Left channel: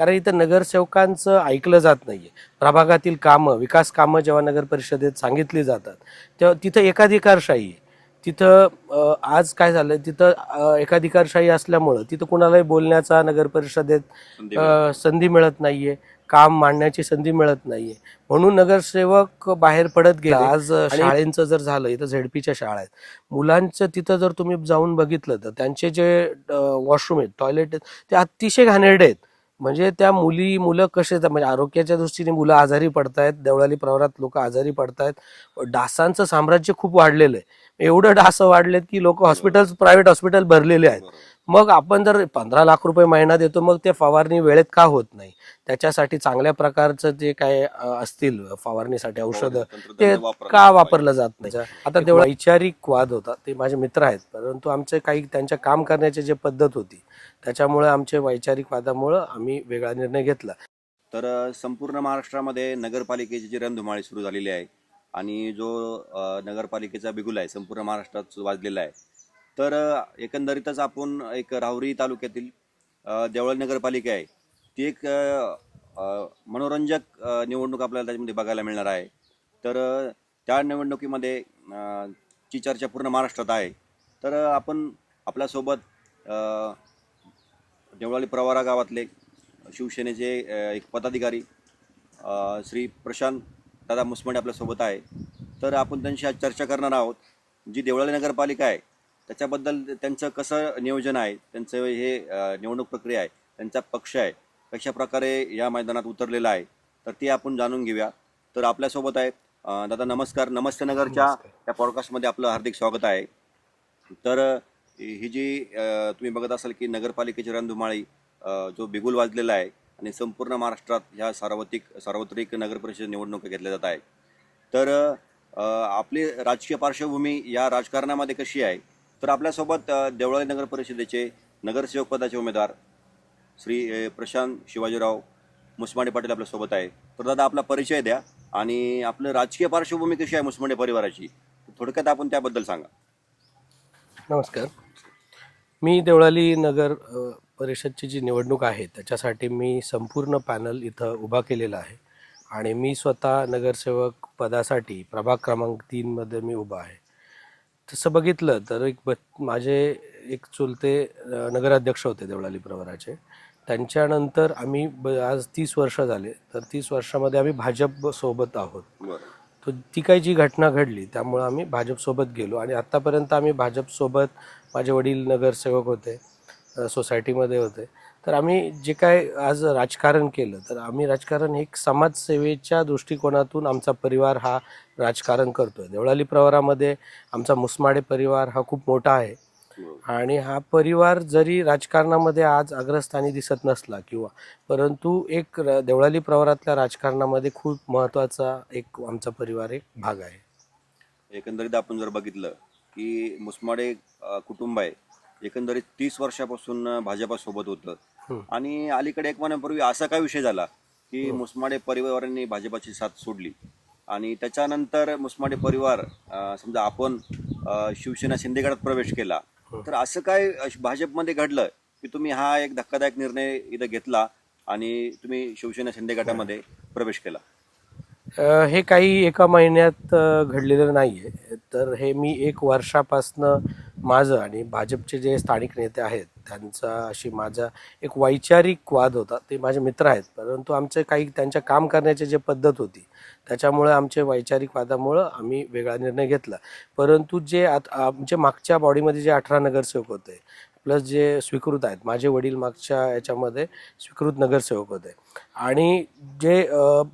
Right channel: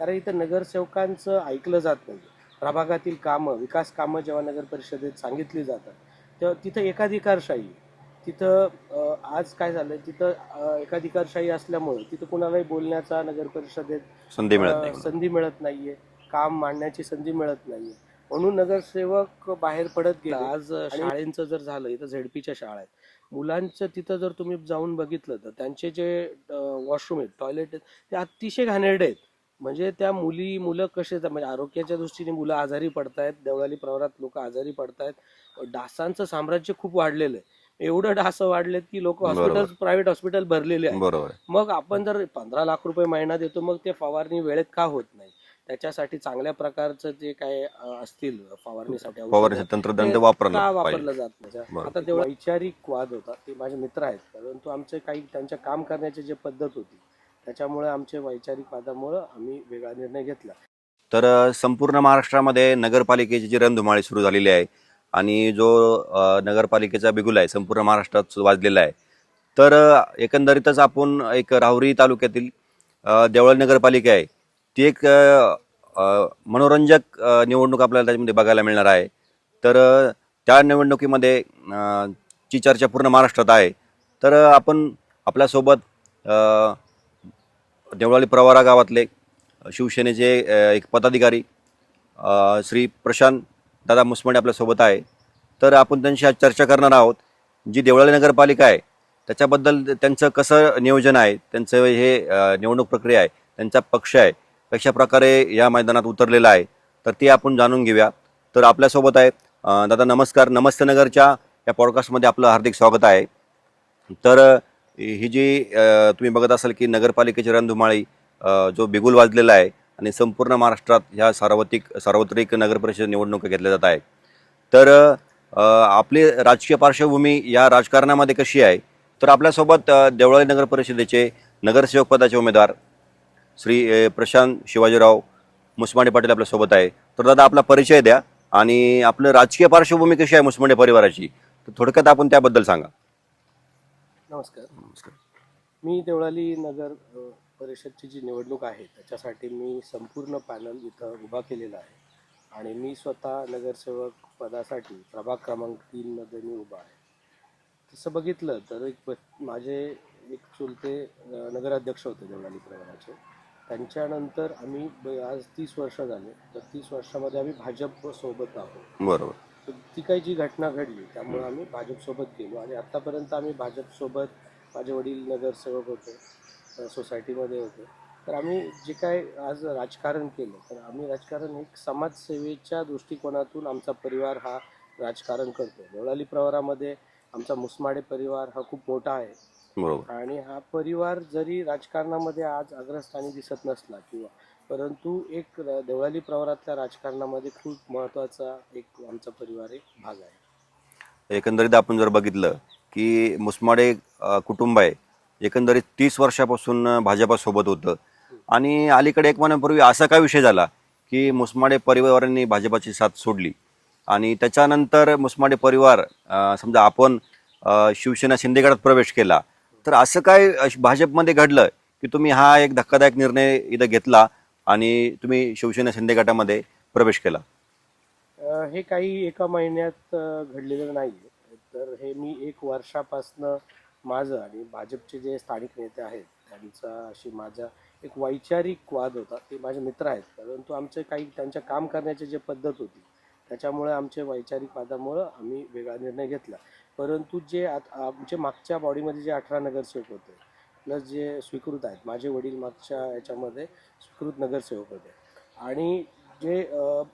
कारण इथं नगरसेवकांचं ऐकलं जात नाही आहे. प्रभागातील कामं, विकास कामं जेव्हा नगर परिषदेत सांगितली जातात तेव्हा तिथं एकाधिकारशाही आहे. तिथं आज काय झालं तिथं एकाधिकारशाही असल्यामुळं तिथं कुणालाही बोलण्याचा नगर परिषदेत संधी मिळत नाही. संधी मिळत नाही आहे, काम मांडण्याची संधी मिळत नाही आहे. म्हणून नगरसेवक बाहेर पडत गेले. आज शाळेंचं जर झालं, इथं झेडपीच्या शाळा आहेत, मुलांचं तिथं जर तुम्ही जाऊन बघितलं तर त्यांचे जे वॉशरूम आहेत, टॉयलेट आहेत, ते अतिशय घाणेरडे आहेत. म्हणजे त्या मुलं कसे म्हणजे आरोग्याच्या दृष्टीने मुलं आजारी पडतायत. देवळाली प्रवरात लोक आजारी पडतायत. डासांचं साम्राज्य खूप वाढलेलं आहे. एवढं डास वाढलेत की लोक बरोबर प्रायव्हेट हॉस्पिटल भरलेले आहेत. बरोबर. मग आपण जर 15 लाख रुपये महिना देतो, मग ते फवारणी वेळेत का होत नाही? त्याच्यासाठी चांगल्या प्रकारचं जे काय असतील फवारणीसाठी औषध, तंत्रज्ञान ते वापरलं का पाहिजे. वापरलं जात नाही? बरोबर. आता तेवढा वैचारिक वाद होता. ते माझे मित्र आहेत, परंतु आमचे काही त्यांच्या काम करण्याची जे पद्धत होती त्याच्यामुळे आमचे वैचारिक वादामुळं आम्ही वेगळा निर्णय घेतला. तर संपूर्ण महाराष्ट्रामध्ये नगरपालिकेची जी रणधुमाळी सुरू झालेली आहे आणि जो नगरपालिकेचा बिगुल आहे संपूर्ण महाराष्ट्रात वाजलेला आहे. तर एकंदरीतच आपण एक राहुरी तालुक्यातील देवळाली नगरपालिका आहे ती एक मनोरंजक निवडणूक आपल्याला त्याच्यामध्ये बघायला मिळणार आहे. तर त्या निवडणुकीमध्ये ची चर्चा पूर्ण महाराष्ट्रात आहे. तर आपण आपल्यासोबत देवळाली प्रवरा गावातले शिवसेनेचे एक पदाधिकारी श्री प्रशांत दादा मुसमडे आपल्यासोबत आहे. तर आपण त्यांशी आज चर्चा करणार आहोत. जी देवळाली नगरपालिका आहे त्याच्याबद्दल त्यांचं कसं नियोजन आहे, त्यांचं हे निवडणूक प्रक्रिया आहे, त्यांचा पक्ष आहे कशा प्रकारे या मैदानात उतरलेला आहे, तर ते आपण जाणून घेऊया. तर आपल्यासोबत आहे दादा नमस्कार. नमस्ते नगरच्या या पॉडकास्टमध्ये आपलं हार्दिक स्वागत आहे. तर ही जी तुम्ही बघत असाल की नगरपालिकेची रणधुमाळी जो बिगुल वाजलेला आहे आणि संपूर्ण महाराष्ट्रात ह्या सार्वत्रिक नगरपरिषद निवडणुका घेतल्या जात आहेत. तर आपली राजकीय पार्श्वभूमी या राजकारणामध्ये कशी आहे, तर आपल्यासोबत देवळाली नगर परिषदेचे नगरसेवक पदाचे उमेदवार श्री प्रशांत शिवाजीराव मुसमाडे पाटील आपल्यासोबत आहे. तर दादा आपला परिचय द्या आणि आपलं राजकीय पार्श्वभूमी कशी आहे मुसमाडे परिवाराची, तर थोडक्यात आपण त्याबद्दल सांगा. नमस्कार. मी देवळाली नगर परिषदची जी निवडणूक आहे त्याच्यासाठी मी संपूर्ण पॅनल इथं उभा केलेला आहे आणि मी स्वतः नगरसेवक पदासाठी प्रभाग क्रमांक 3मध्ये मी उभा आहे. तसं बघितलं तर माझे एक चुलते नगराध्यक्ष होते देवळाली प्रवराचे. त्यांच्यानंतर आम्ही आज 30 वर्ष झाले, तर 30 वर्षामध्ये आम्ही भाजपसोबत आहोत. बरोबर. तर ती काही जी घटना घडली त्यामुळं आम्ही भाजपसोबत गेलो आणि आत्तापर्यंत आम्ही भाजपसोबत, माझे वडील नगरसेवक होते, सोसायटीमध्ये होते. तर आम्ही जे काय आज राजकारण केलं, तर आम्ही राजकारण एक समाजसेवेच्या दृष्टिकोनातून आमचा परिवार हा राजकारण करतोय. देवळाली प्रवरामध्ये आमचा मुसमाडे परिवार हा खूप मोठा आहे बरोबर. आणि हा परिवार जरी राजकारणामध्ये आज अग्रस्थानी दिसत नसला परंतु एक देवळाली प्रवरातल्या राजकारणामध्ये खूप महत्त्वाचा एक आमचा परिवार एक भाग आहे. एकंदरीत आपण जर बघितलं की मुसमाडे कुटुंब आहे एकंदरीत 30 वर्षापासून भाजपासोबत होतं आणि अलीकडे एक महिन्यापूर्वी असा काय विषय झाला की मुसमाडे परिवारांनी भाजपाची साथ सोडली आणि त्याच्यानंतर मुसमाडे परिवार समजा आपण शिवसेना शिंदे गटात प्रवेश केला. तर असं काय भाजपमध्ये घडलं की तुम्ही हा एक धक्कादायक निर्णय इथं घेतला आणि तुम्ही शिवसेना शिंदे गटामध्ये प्रवेश केला? हे काही एका महिन्यात घडलेलं नाही आहे. तर हे मी 1 वर्षापासनं माझं आणि भाजपचे जे स्थानिक नेते आहेत त्यांचा अशी माझा एक वैचारिक वाद होता. ते माझे मित्र आहेत, परंतु आमचे काही त्यांच्या काम करण्याची जी पद्धत होती त्याच्यामुळे आमचे वैचारिक वादामुळं आम्ही वेगळा निर्णय घेतला. परंतु जे आमच्या मागच्या बॉडीमध्ये जे 18 नगरसेवक होते प्लस जे स्वीकृत आहेत, माझे वडील मागच्या याच्यामध्ये स्वीकृत नगरसेवक होते आणि जे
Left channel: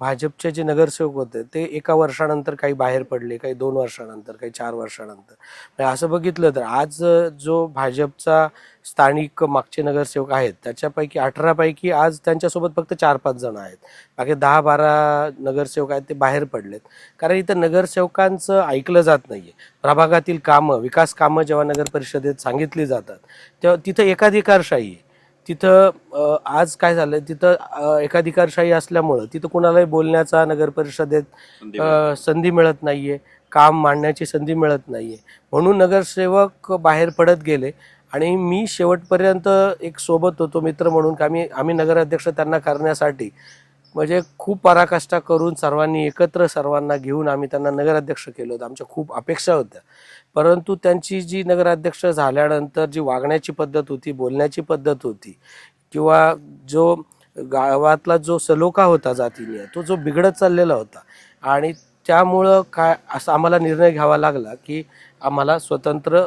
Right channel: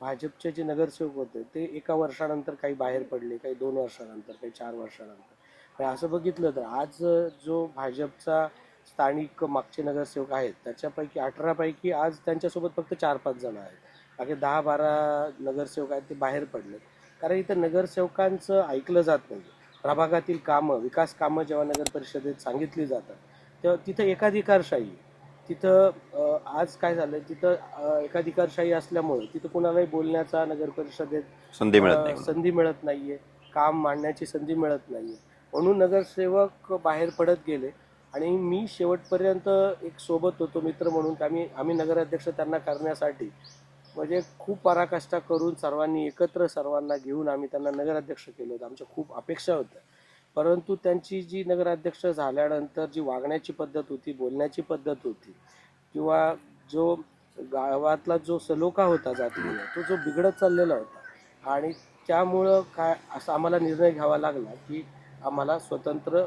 भाजपचे जे नगरसेवक होते ते 1 वर्षानंतर काही बाहेर पडले, काही 2 वर्षानंतर, काही 4 वर्षानंतर. म्हणजे असं बघितलं तर आज जो भाजपचा स्थानिक मागचे नगरसेवक आहेत त्याच्यापैकी 18 पैकी आज त्यांच्यासोबत फक्त 4-5 जण आहेत. बाकी 10-12 नगरसेवक आहेत ते बाहेर पडलेत. कारण इथं नगरसेवकांचं ऐकलं जात नाही आहे. प्रभागातील कामं, विकास कामं जेव्हा नगर परिषदेत सांगितली जातात तेव्हा तिथं एकाधिकारशाही आहे. तिथं आज काय झालं तिथं एकाधिकारशाही असल्यामुळं तिथं कुणालाही बोलण्याचा नगर परिषदेत संधी मिळत नाही आहे, काम मांडण्याची संधी मिळत नाही आहे. म्हणून नगरसेवक बाहेर पडत गेले आणि मी शेवटपर्यंत एक सोबत होतो मित्र म्हणून, की आम्ही नगराध्यक्ष त्यांना करण्यासाठी म्हणजे खूप पराकाष्ठा करून सर्वांनी एकत्र सर्वांना घेऊन आम्ही त्यांना नगराध्यक्ष केलं होतं. आमच्या खूप अपेक्षा होत्या. परंतु त्यांची जी नगराध्यक्ष झाल्यानंतर जी वागण्याची पद्धत होती, बोलण्याची पद्धत होती किंवा जो गावातला जो सलोखा होता जातीय तो जो बिघडत चाललेला होता आणि त्यामुळं काय असा आम्हाला निर्णय घ्यावा लागला की आम्हाला स्वतंत्र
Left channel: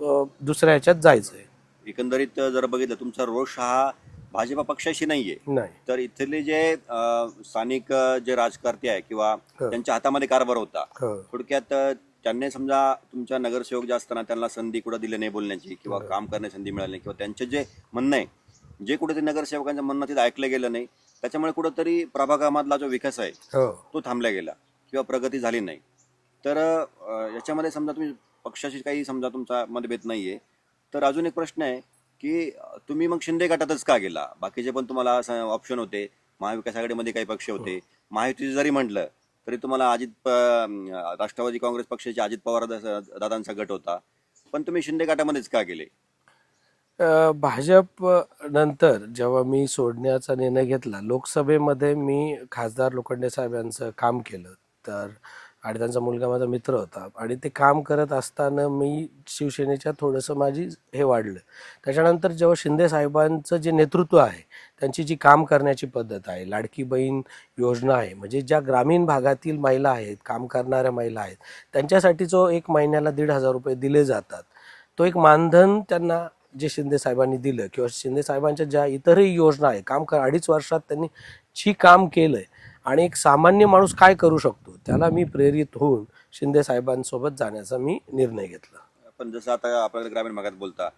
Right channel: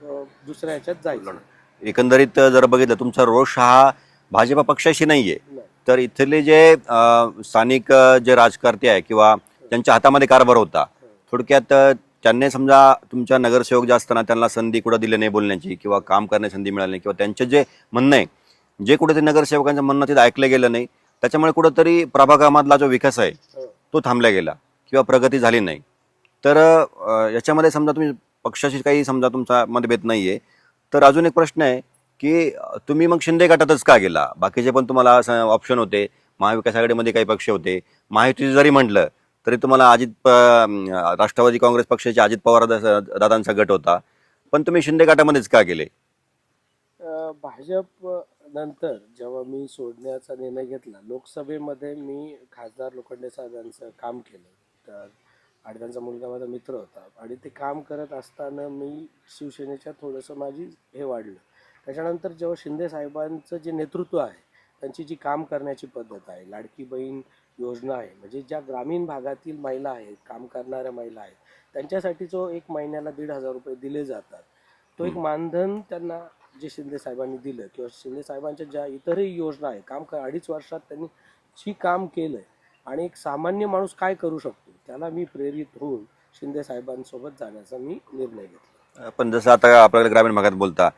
दुसऱ्या ह्याच्यात जायचं आहे. एकंदरीत जर बघितलं तुमचा रोष हा भाजपा पक्षाशी नाहीये, नाही. तर इथले जे स्थानिक जे राजकारते आहे किंवा हो. त्यांच्या हातामध्ये कारभार होता, हो. थोडक्यात त्यांनी समजा तुमच्या नगरसेवक जे असताना त्यांना संधी कुठं दिली नाही बोलण्याची किंवा काम करण्याची संधी मिळाली नाही किंवा त्यांचे जे म्हणणं आहे, जे कुठेतरी नगरसेवकांचं म्हणणं तिथं ऐकलं गेलं नाही, त्याच्यामुळे कुठंतरी प्रभागामधला जो विकास आहे हो. तो थांबला गेला किंवा प्रगती झाली नाही. तर याच्यामध्ये समजा तुम्ही पक्षाशी काही समजा तुमचा मतभेद नाहीये, तर अजून एक प्रश्न आहे की तुम्ही मग शिंदे गटातच का गेला? बाकीचे पण तुम्हाला असं ऑप्शन होते, महाविकास आघाडीमध्ये काही पक्ष होते, महायुती जरी म्हटलं तरी तुम्हाला राष्ट्रवादी काँग्रेस पक्षाचे अजित पवार दादांचा गट होता, पण तुम्ही शिंदे गटामध्येच का गेले? भाजप नंतर जेव्हा मी सोडण्याचा निर्णय घेतला, लोकसभेमध्ये मी खासदार लोखंडे साहेब यांचं काम केलं तर आणि त्यांचा मुलगा माझा मित्र होता आणि ते काम करत असताना मी शिवसेनेच्या थोडंसं माझी हे वाढलं. त्याच्यानंतर जेव्हा शिंदे साहेबांचं जे नेतृत्व आहे, त्यांची जी काम करण्याची पद्धत आहे, लाडकी बहीण योजना आहे, म्हणजे ज्या ग्रामीण भागातील महिला आहेत, काम करणाऱ्या महिला आहेत, त्यांच्यासाठी जो एक महिन्याला 1,500 रुपये दिले जातात, तो एक मानधन त्यांना जे शिंदे साहेबांनी दिलं किंवा शिंदे साहेबांच्या ज्या इतरही योजना आहे, 2.5 वर्षात त्यांनी जी काम केलं आहे आणि एक सामान्य माणूस काय करू शकतो त्याला मी प्रेरित होऊन शिंदे साहेबांसोबत जाण्याचा मी निर्णय घेतला. पण जसं आता आपल्याकडे ग्रामीण भागात बोलता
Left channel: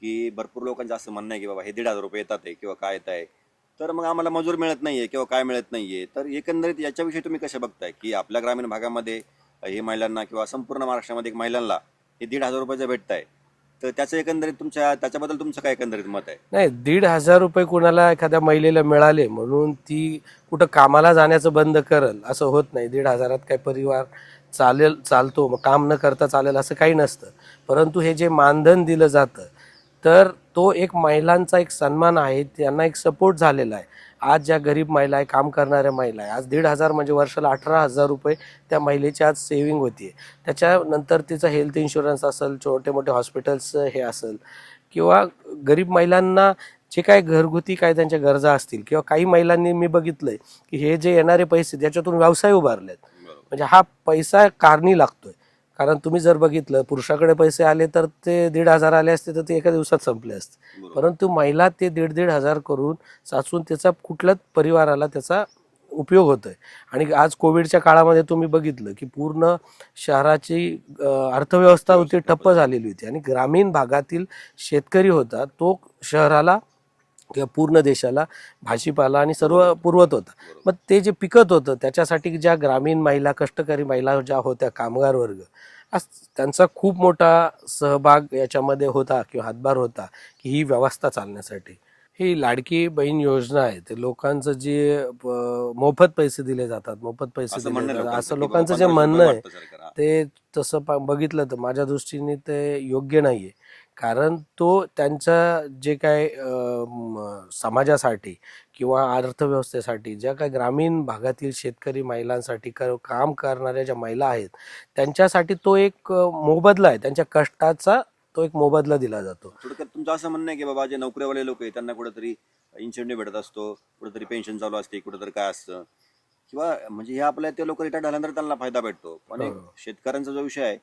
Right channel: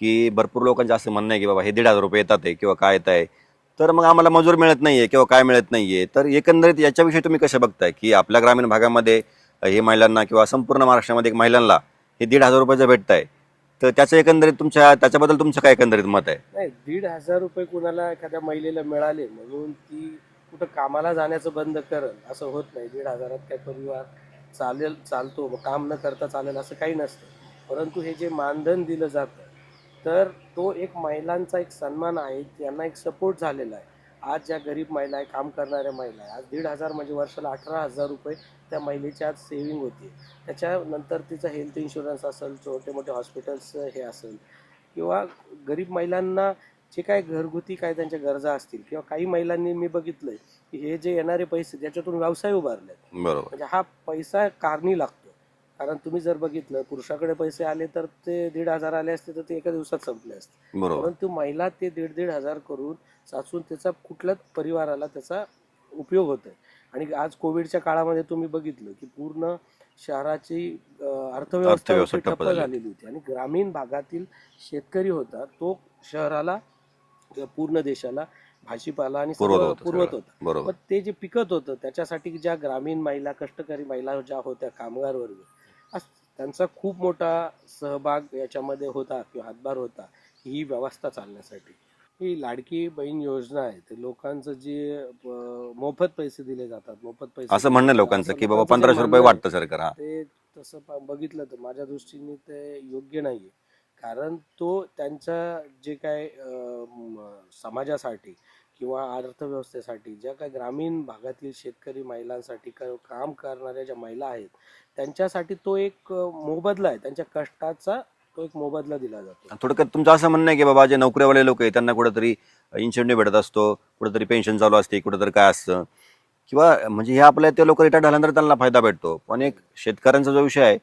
की भरपूर लोकांचं असं म्हणणं आहे की बाबा हे 1,500 रुपये येतात आहे किंवा काय येत आहे, तर मग आम्हाला मजूर मिळत नाहीये किंवा काय मिळत नाहीये, तर एकंदरीत याच्याविषयी तुम्ही कसं बघताय की आपल्या ग्रामीण भागामध्ये हे महिलांना किंवा संपूर्ण महाराष्ट्रामध्ये एक महिलांना हे 1,500 रुपयाचं भेटत आहे, तर त्याचं एकंदरीत त्याच्याबद्दल तुमचं काय एकंदरीत मत आहे? नाही, 1,500 रुपये कुणाला एखाद्या महिलेला मिळाले म्हणून ती कुठं कामाला जाण्याचं बंद करल असं होत नाही. 1,500त काही परिवार चालतो, मग काम न करता चालेल असं काही नसतं. परंतु हे जे मानधन दिलं जातं तर तो एक महिलांचा एक सन्मान आहे, त्यांना एक सपोर्ट झालेला आहे. आज ज्या गरीब महिला आहे, काम करणाऱ्या महिला आहे, आज 1,500 म्हणजे वर्षाला 18,000 रुपये त्या महिलेची आज सेविंग होती. त्याच्यानंतर तिचं हेल्थ इन्शुरन्स असेल, छोटे मोठे हॉस्पिटल्सचं हे असेल किंवा गरीब महिलांना जे काही घरगुती काय त्यांच्या गरजा असतील किंवा काही महिलांनी मी बघितलंय की हे जे येणारे पैसे त्याच्यातून व्यवसाय उभारलेत. बरोबर. म्हणजे हा पैसा कारणी लागतोय. कारण तुम्ही जर बघितलं पुरुषाकडे पैसे आले तर ते 1,500 आले असते तर ते एका दिवसात संपले असते. बरोबर. परंतु महिला ते 1,500 करून साचून त्याचा कुठल्याच परिवाराला त्याचा उपयोग होतोय. आणि आज कोविडच्या काळामध्ये तुम्ही बघितलं की पूर्ण शहराची अर्थव्यवस्था होती ठप्प झालेली होती आणि ग्रामीण भागातील शेतकरी होता तो शहराला किंवा पूर्ण देशाला भाजीपाला आणि सर्व पुरवत होता. मग ते जे पिकत होतं त्याच्यासाठी ज्या ग्रामीण महिला, कष्टकरी महिला ज्या होत्या, कामगार वर्ग, आज त्यांचा खूप मोठा सहभाग याच्यामध्ये होता किंवा हातभार होता की ही व्यवस्था चालण्यासाठी. ही लाडकी बहीण योजना आहे ते लोकांचं जे मोफत पैसे दिले जातात, मोफत पैसे असं म्हणणं लोकांचं की बाबा लोकांचं जे 1,500 रुपये म्हणणं आहे, वाटतं सरकार. ते तसं बघितलं तर माझ्या दृष्टीने ते योग्य नाही आहे. कारण तो त्यांच्या जे काय समाजासाठी किंवा अर्थव्यवस्थेसाठी ज्या काही ग्रामीण भागातील शेतकरी महिलांसाठी काम करणाऱ्या ज्या महिला आहेत त्यांच्यासाठी तो एक मोबदला आहे, त्यांच्या कष्टाचा तो एक मोबदला दिला जातो. थोडक्यात तुमचं असं म्हणणं आहे की बाबा जे नोकरीवाले लोक आहेत त्यांना कुठेतरी इन्सेंटिव्ह भेटत असतो, कुठेतरी पेन्शन चालू असते, कुठेतरी काय असतं किंवा म्हणजे हे आपल्या ते लोक रिटायर्ड झाल्यानंतर त्यांना फायदा भेटतो, पण एक शेतकऱ्यांचा जो विषय आहे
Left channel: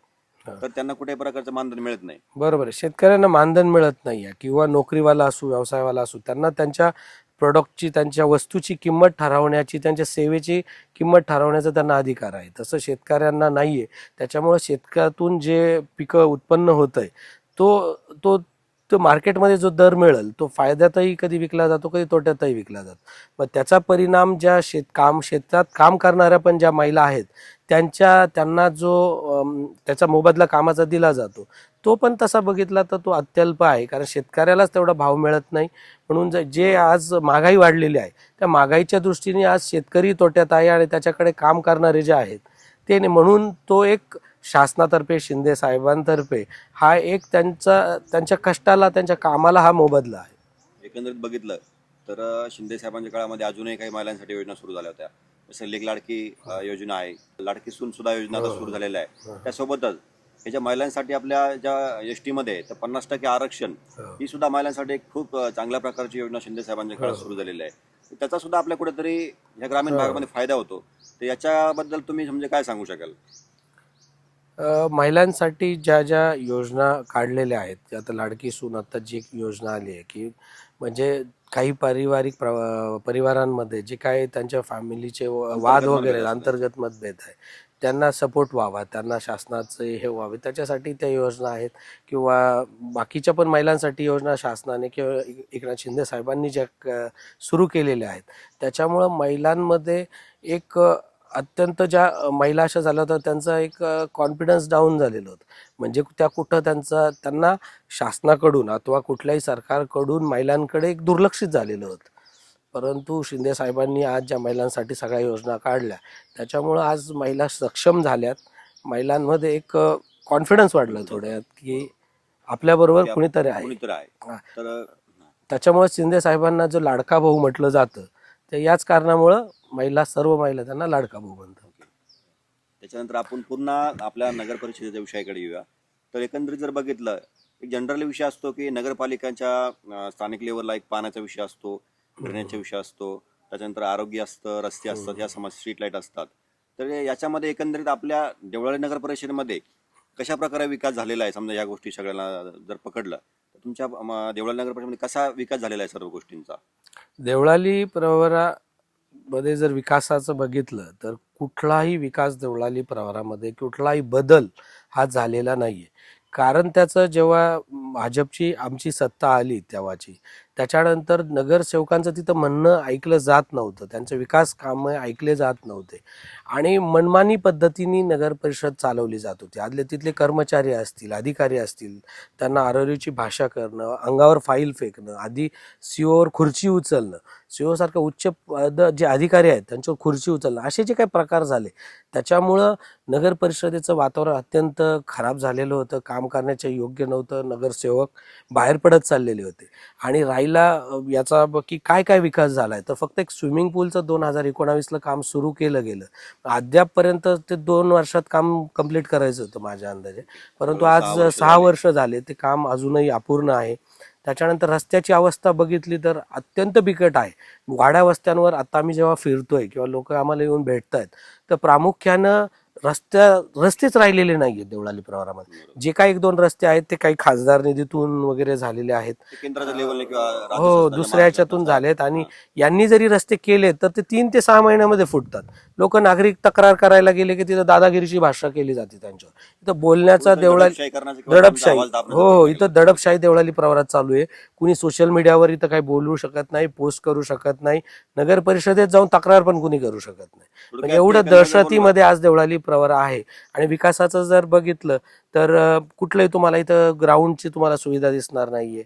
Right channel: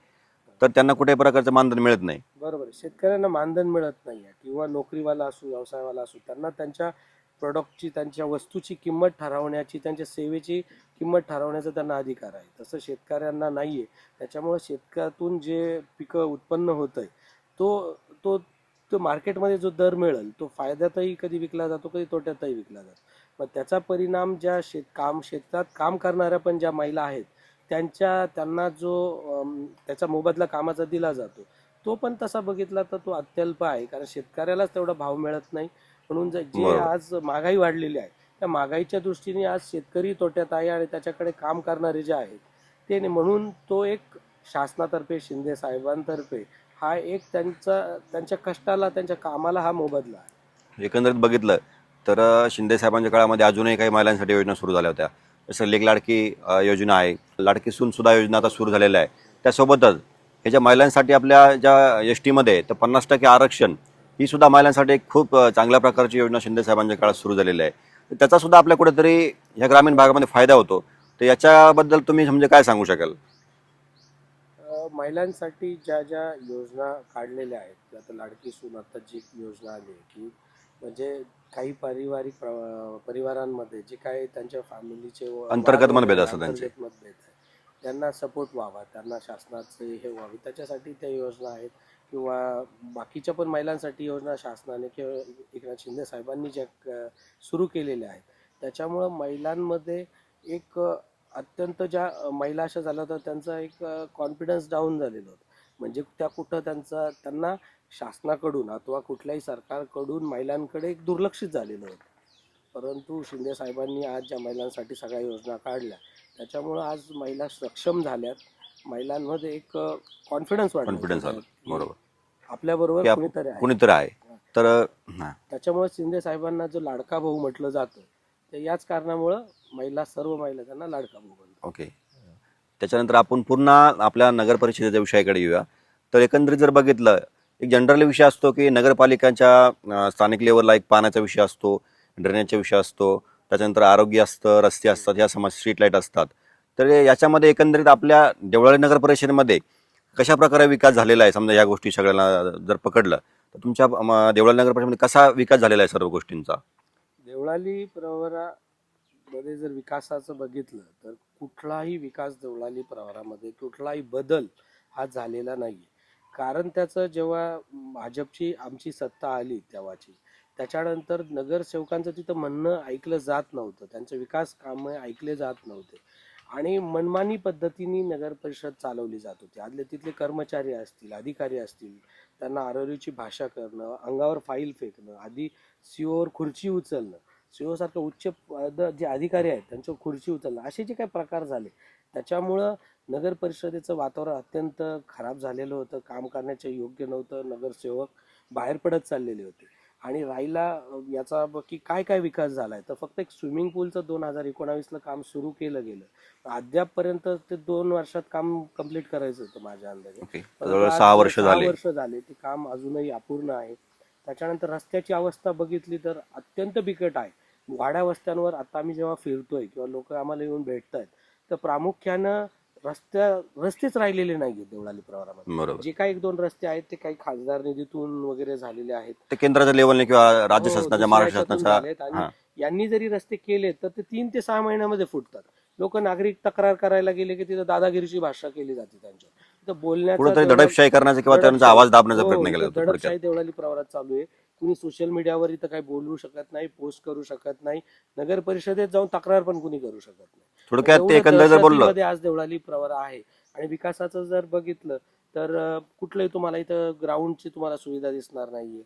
तर त्यांना कुठेही प्रकारचं मानधन मिळत नाही. बरोबर आहे, शेतकऱ्यांना मानधन मिळत नाही आहे किंवा नोकरीवाला असू, व्यवसायवाला असू, त्यांना त्यांच्या प्रोडक्टची, त्यांच्या वस्तूची किंमत ठरवण्याची, त्यांच्या सेवेची किंमत ठरवण्याचा त्यांना अधिकार आहे. तसं शेतकऱ्यांना नाही आहे. त्याच्यामुळं शेतकऱ्यातून जे पिकं उत्पन्न होतं आहे तो तो तो मार्केटमध्ये जो दर मिळेल तो फायद्यातही कधी विकला जातो, कधी तोट्यातही विकला जातो. मग त्याचा परिणाम ज्या शेतात काम करणाऱ्या पण ज्या महिला आहेत त्यांना जो त्याचा मोबदला कामाचा दिला जातो तो पण तसा बघितला तर तो अत्यल्प आहे. कारण शेतकऱ्यालाच तेवढा भाव मिळत नाही. म्हणून जे आज महागाई वाढलेली आहे त्या महागाईच्या दृष्टीने आज शेतकरी तोट्यात आहे आणि त्याच्याकडे काम करणारे जे आहेत ते नाही. म्हणून तो एक शासनातर्फे शिंदे साहेबांतर्फे हा एक त्यांच्या कष्टाला, त्यांच्या कामाला हा मोबदला आहे. एकंदरीत बघितलं तर शिंदे साहेबांच्या काळामध्ये अजूनही काही महिलांसाठी योजना सुरू झाल्या होत्या. जसं लेक लाडकी योजना आहे, लाडकी सून सुद्धा योजना आता सुरू झालेल्या आहे. त्यासोबतच हे ज्या महिलांसाठी आपल्या ज्या एस टीमध्ये तर 50% आरक्षण ही सुद्धा महिलांसाठी एक खूप चांगल्या प्रकारची योजना शिंदे साहेबांच्या काळात सुरू झालेली आहे. तर त्याचा सुद्धा आपल्या कुठेतरी ह्या ग्रामीण भागामध्ये फायदा होतो. तर याच्याबद्दल तुम्ही म्हणजे काय सांगू शकाल? महिलांसाठी ज्या ज्या योजना काढलेल्या आहेत, आता लाडकी सून आता जी एक योजना आली आहे की म्हणजे काही परिवारांमध्ये जे काही त्यांच्या फॅमिलीचे वाद अंतर्गत वगैरे, मतभेद असतात अंतर्गत मतभेद आहे, त्यांना सपोर्ट व्हावा, त्यांना शासनाचे हे व्हावे, त्याच्यासाठी त्या योजना आहेत. किंवा बाकीच्या पण महिलांसाठी योजना शासनाने किंवा एकनाथ शिंदे साहेबांनी ज्या सुरू केलेल्या आहेत, त्याच्यामुळं महिलांमध्ये एक अत्यंत ज्या महिला अशा झाल्या होत्या त्यांचा एक कॉन्फिडन्स डाऊन झालेलं होतं. म्हणजे त्या कुठं त्यांना शासनाकडून अथवा कुठल्याही सरकारकडून महिलांकडे एक दुर्लक्षित झालेलं होतं. परंतु शिंदे साहेबांनी आज ज्या महिलांसाठी सगळ्या योजना काढल्या, त्याच्यामुळं आज महिला सक्षम झाल्यात. महिलांमध्ये एक कॉन्फिडन्स वाढला Confidence थोड्यात वाढला. की बरोबर. आपल्याबरोबर की कुणीतरी आहे. कुणीतरी आहे. हा. तर त्याच्यामुळे शिंदे साहेबांना जो लाडका भाऊ म्हटलं जातं, ते याच कारणामुळं सर्व महिला त्यांना लाडका भाऊ म्हणतात. ओके. त्याच्यानंतर आपण पुन्हा आपल्या नगर परिषदेच्या विषयाकडे येऊया. तर एकंदरीत जर बघितलं, एक जनरली विषय असतो की नगरपालिकांच्या स्थानिक लेवलला एक पाण्याचा विषय असतो, ड्रेनेजचा विषय असतो, त्याच्यानंतर आरोग्य असतं, रस्ते असतात, या स्ट्रीट लाईट असतात. तर याच्यामध्ये एकंदरीत आपल्या देवळाली नगर परिषदेमध्ये कशा प्रकारे विकास झालेला आहे? समजा या गोष्टी सगळ्यांना जर पकडलं तर तुमच्या देवळाली नगर परिषदेमध्ये कसा विकास झालेला आहे सर्व गोष्टींचा? देवळाली प्रवरामध्ये जर विकासाचं बघितलं तर कुठलाही विकास देवळाली प्रवरामध्ये कुठलाही बदल हा झालेला नाहीये. कारण त्याचं जेव्हा भाजपची आमची सत्ता आली तेव्हाची, त्याच्यानंतर नगरसेवकांचं तिथं म्हणणं ऐकलं जात नव्हतं, त्यांचे विकास कामं ऐकले जात नव्हते आणि मनमानी पद्धतीने नगर परिषद चालवली जात होती. आदले तिथले कर्मचारी असतील, अधिकारी असतील, त्यांना आरवरीची भाषा करणं, अंगावर फाईल फेकणं, आधी सीओवर खुर्ची उचलणं, सीओ सारखं उच्च पद जे अधिकारी आहेत त्यांच्यावर खुर्ची उचलणं, असे जे काही प्रकार झाले, त्याच्यामुळं नगर परिषदेचं वातावरण अत्यंत खराब झालेलं होतं. काम करण्याच्या योग्य नव्हतं. नगरसेवक बाहेर पडत चाललेले होते. आणि राहिला याचा की काय काय विकास झालाय, तर फक्त एक स्विमिंग पूलचं 2019ला काम सुरू केलं गेलं. अद्यापपर्यंत ते 2 वर्षात काम कंप्लीट करायचं होतं माझ्या अंदाजे. ओके. परंतु जवळजवळ 6 आज वर्ष 6 झाले. वर्ष झाले ते काम अजूनही अपूर्ण आहे. त्याच्यानंतर रस्त्याची अवस्था बघितली तर अत्यंत बिकट आहे. वाड्या वस्त्यांवर आता आम्ही जेव्हा फिरतोय किंवा लोक आम्हाला येऊन भेटतायत, तर प्रामुख्यानं रस्तेच राहिलेले नाहीये देवळाली प्रवरामध्ये. बरोबर. जे काही 1-2 रस्ते आहेत ते काही खासदार निधीतून वगैरे झालेले आहेत. ते केंद्राच्या लेवलने किंवा राज्य हो, शासनाच्या, दुसऱ्या महाराष्ट्र ह्याच्यातून शासनाच्या. झालेत आणि हां. यांनी जरी रस्ते केले तर ते 3 ते 6 महिन्यामध्ये फुटतात. लोक नागरिक तक्रार करायला गेले की तिथं दादागिरीची भाषा केली जाते त्यांच्यावर. इथं बोलण्याचा कुठेतरी देवळाली दडपशाही करण्याचा किंवा त्यांचा आवाज दाबण्याचा हो, प्रयत्न इथं केला. दडपशाही देवळाली प्रवरात चालू आहे. कुणी सोशल मीडियावर इथं काही बोलू शकत नाही, पोस्ट करू शकत नाही, नगर परिषदेत जाऊन तक्रार पण कुणी करू शकत नाही. तर थोडक्यात ते एवढं एकंदरीत जर बोललं दहशतीमध्ये आज देवळाली प्रवरा आहे. आणि विकासाचं जर बघितलं तर कुठलंही तुम्हाला इथं ग्राउंडची तुम्हाला सुविधा दिसणार नाहीये.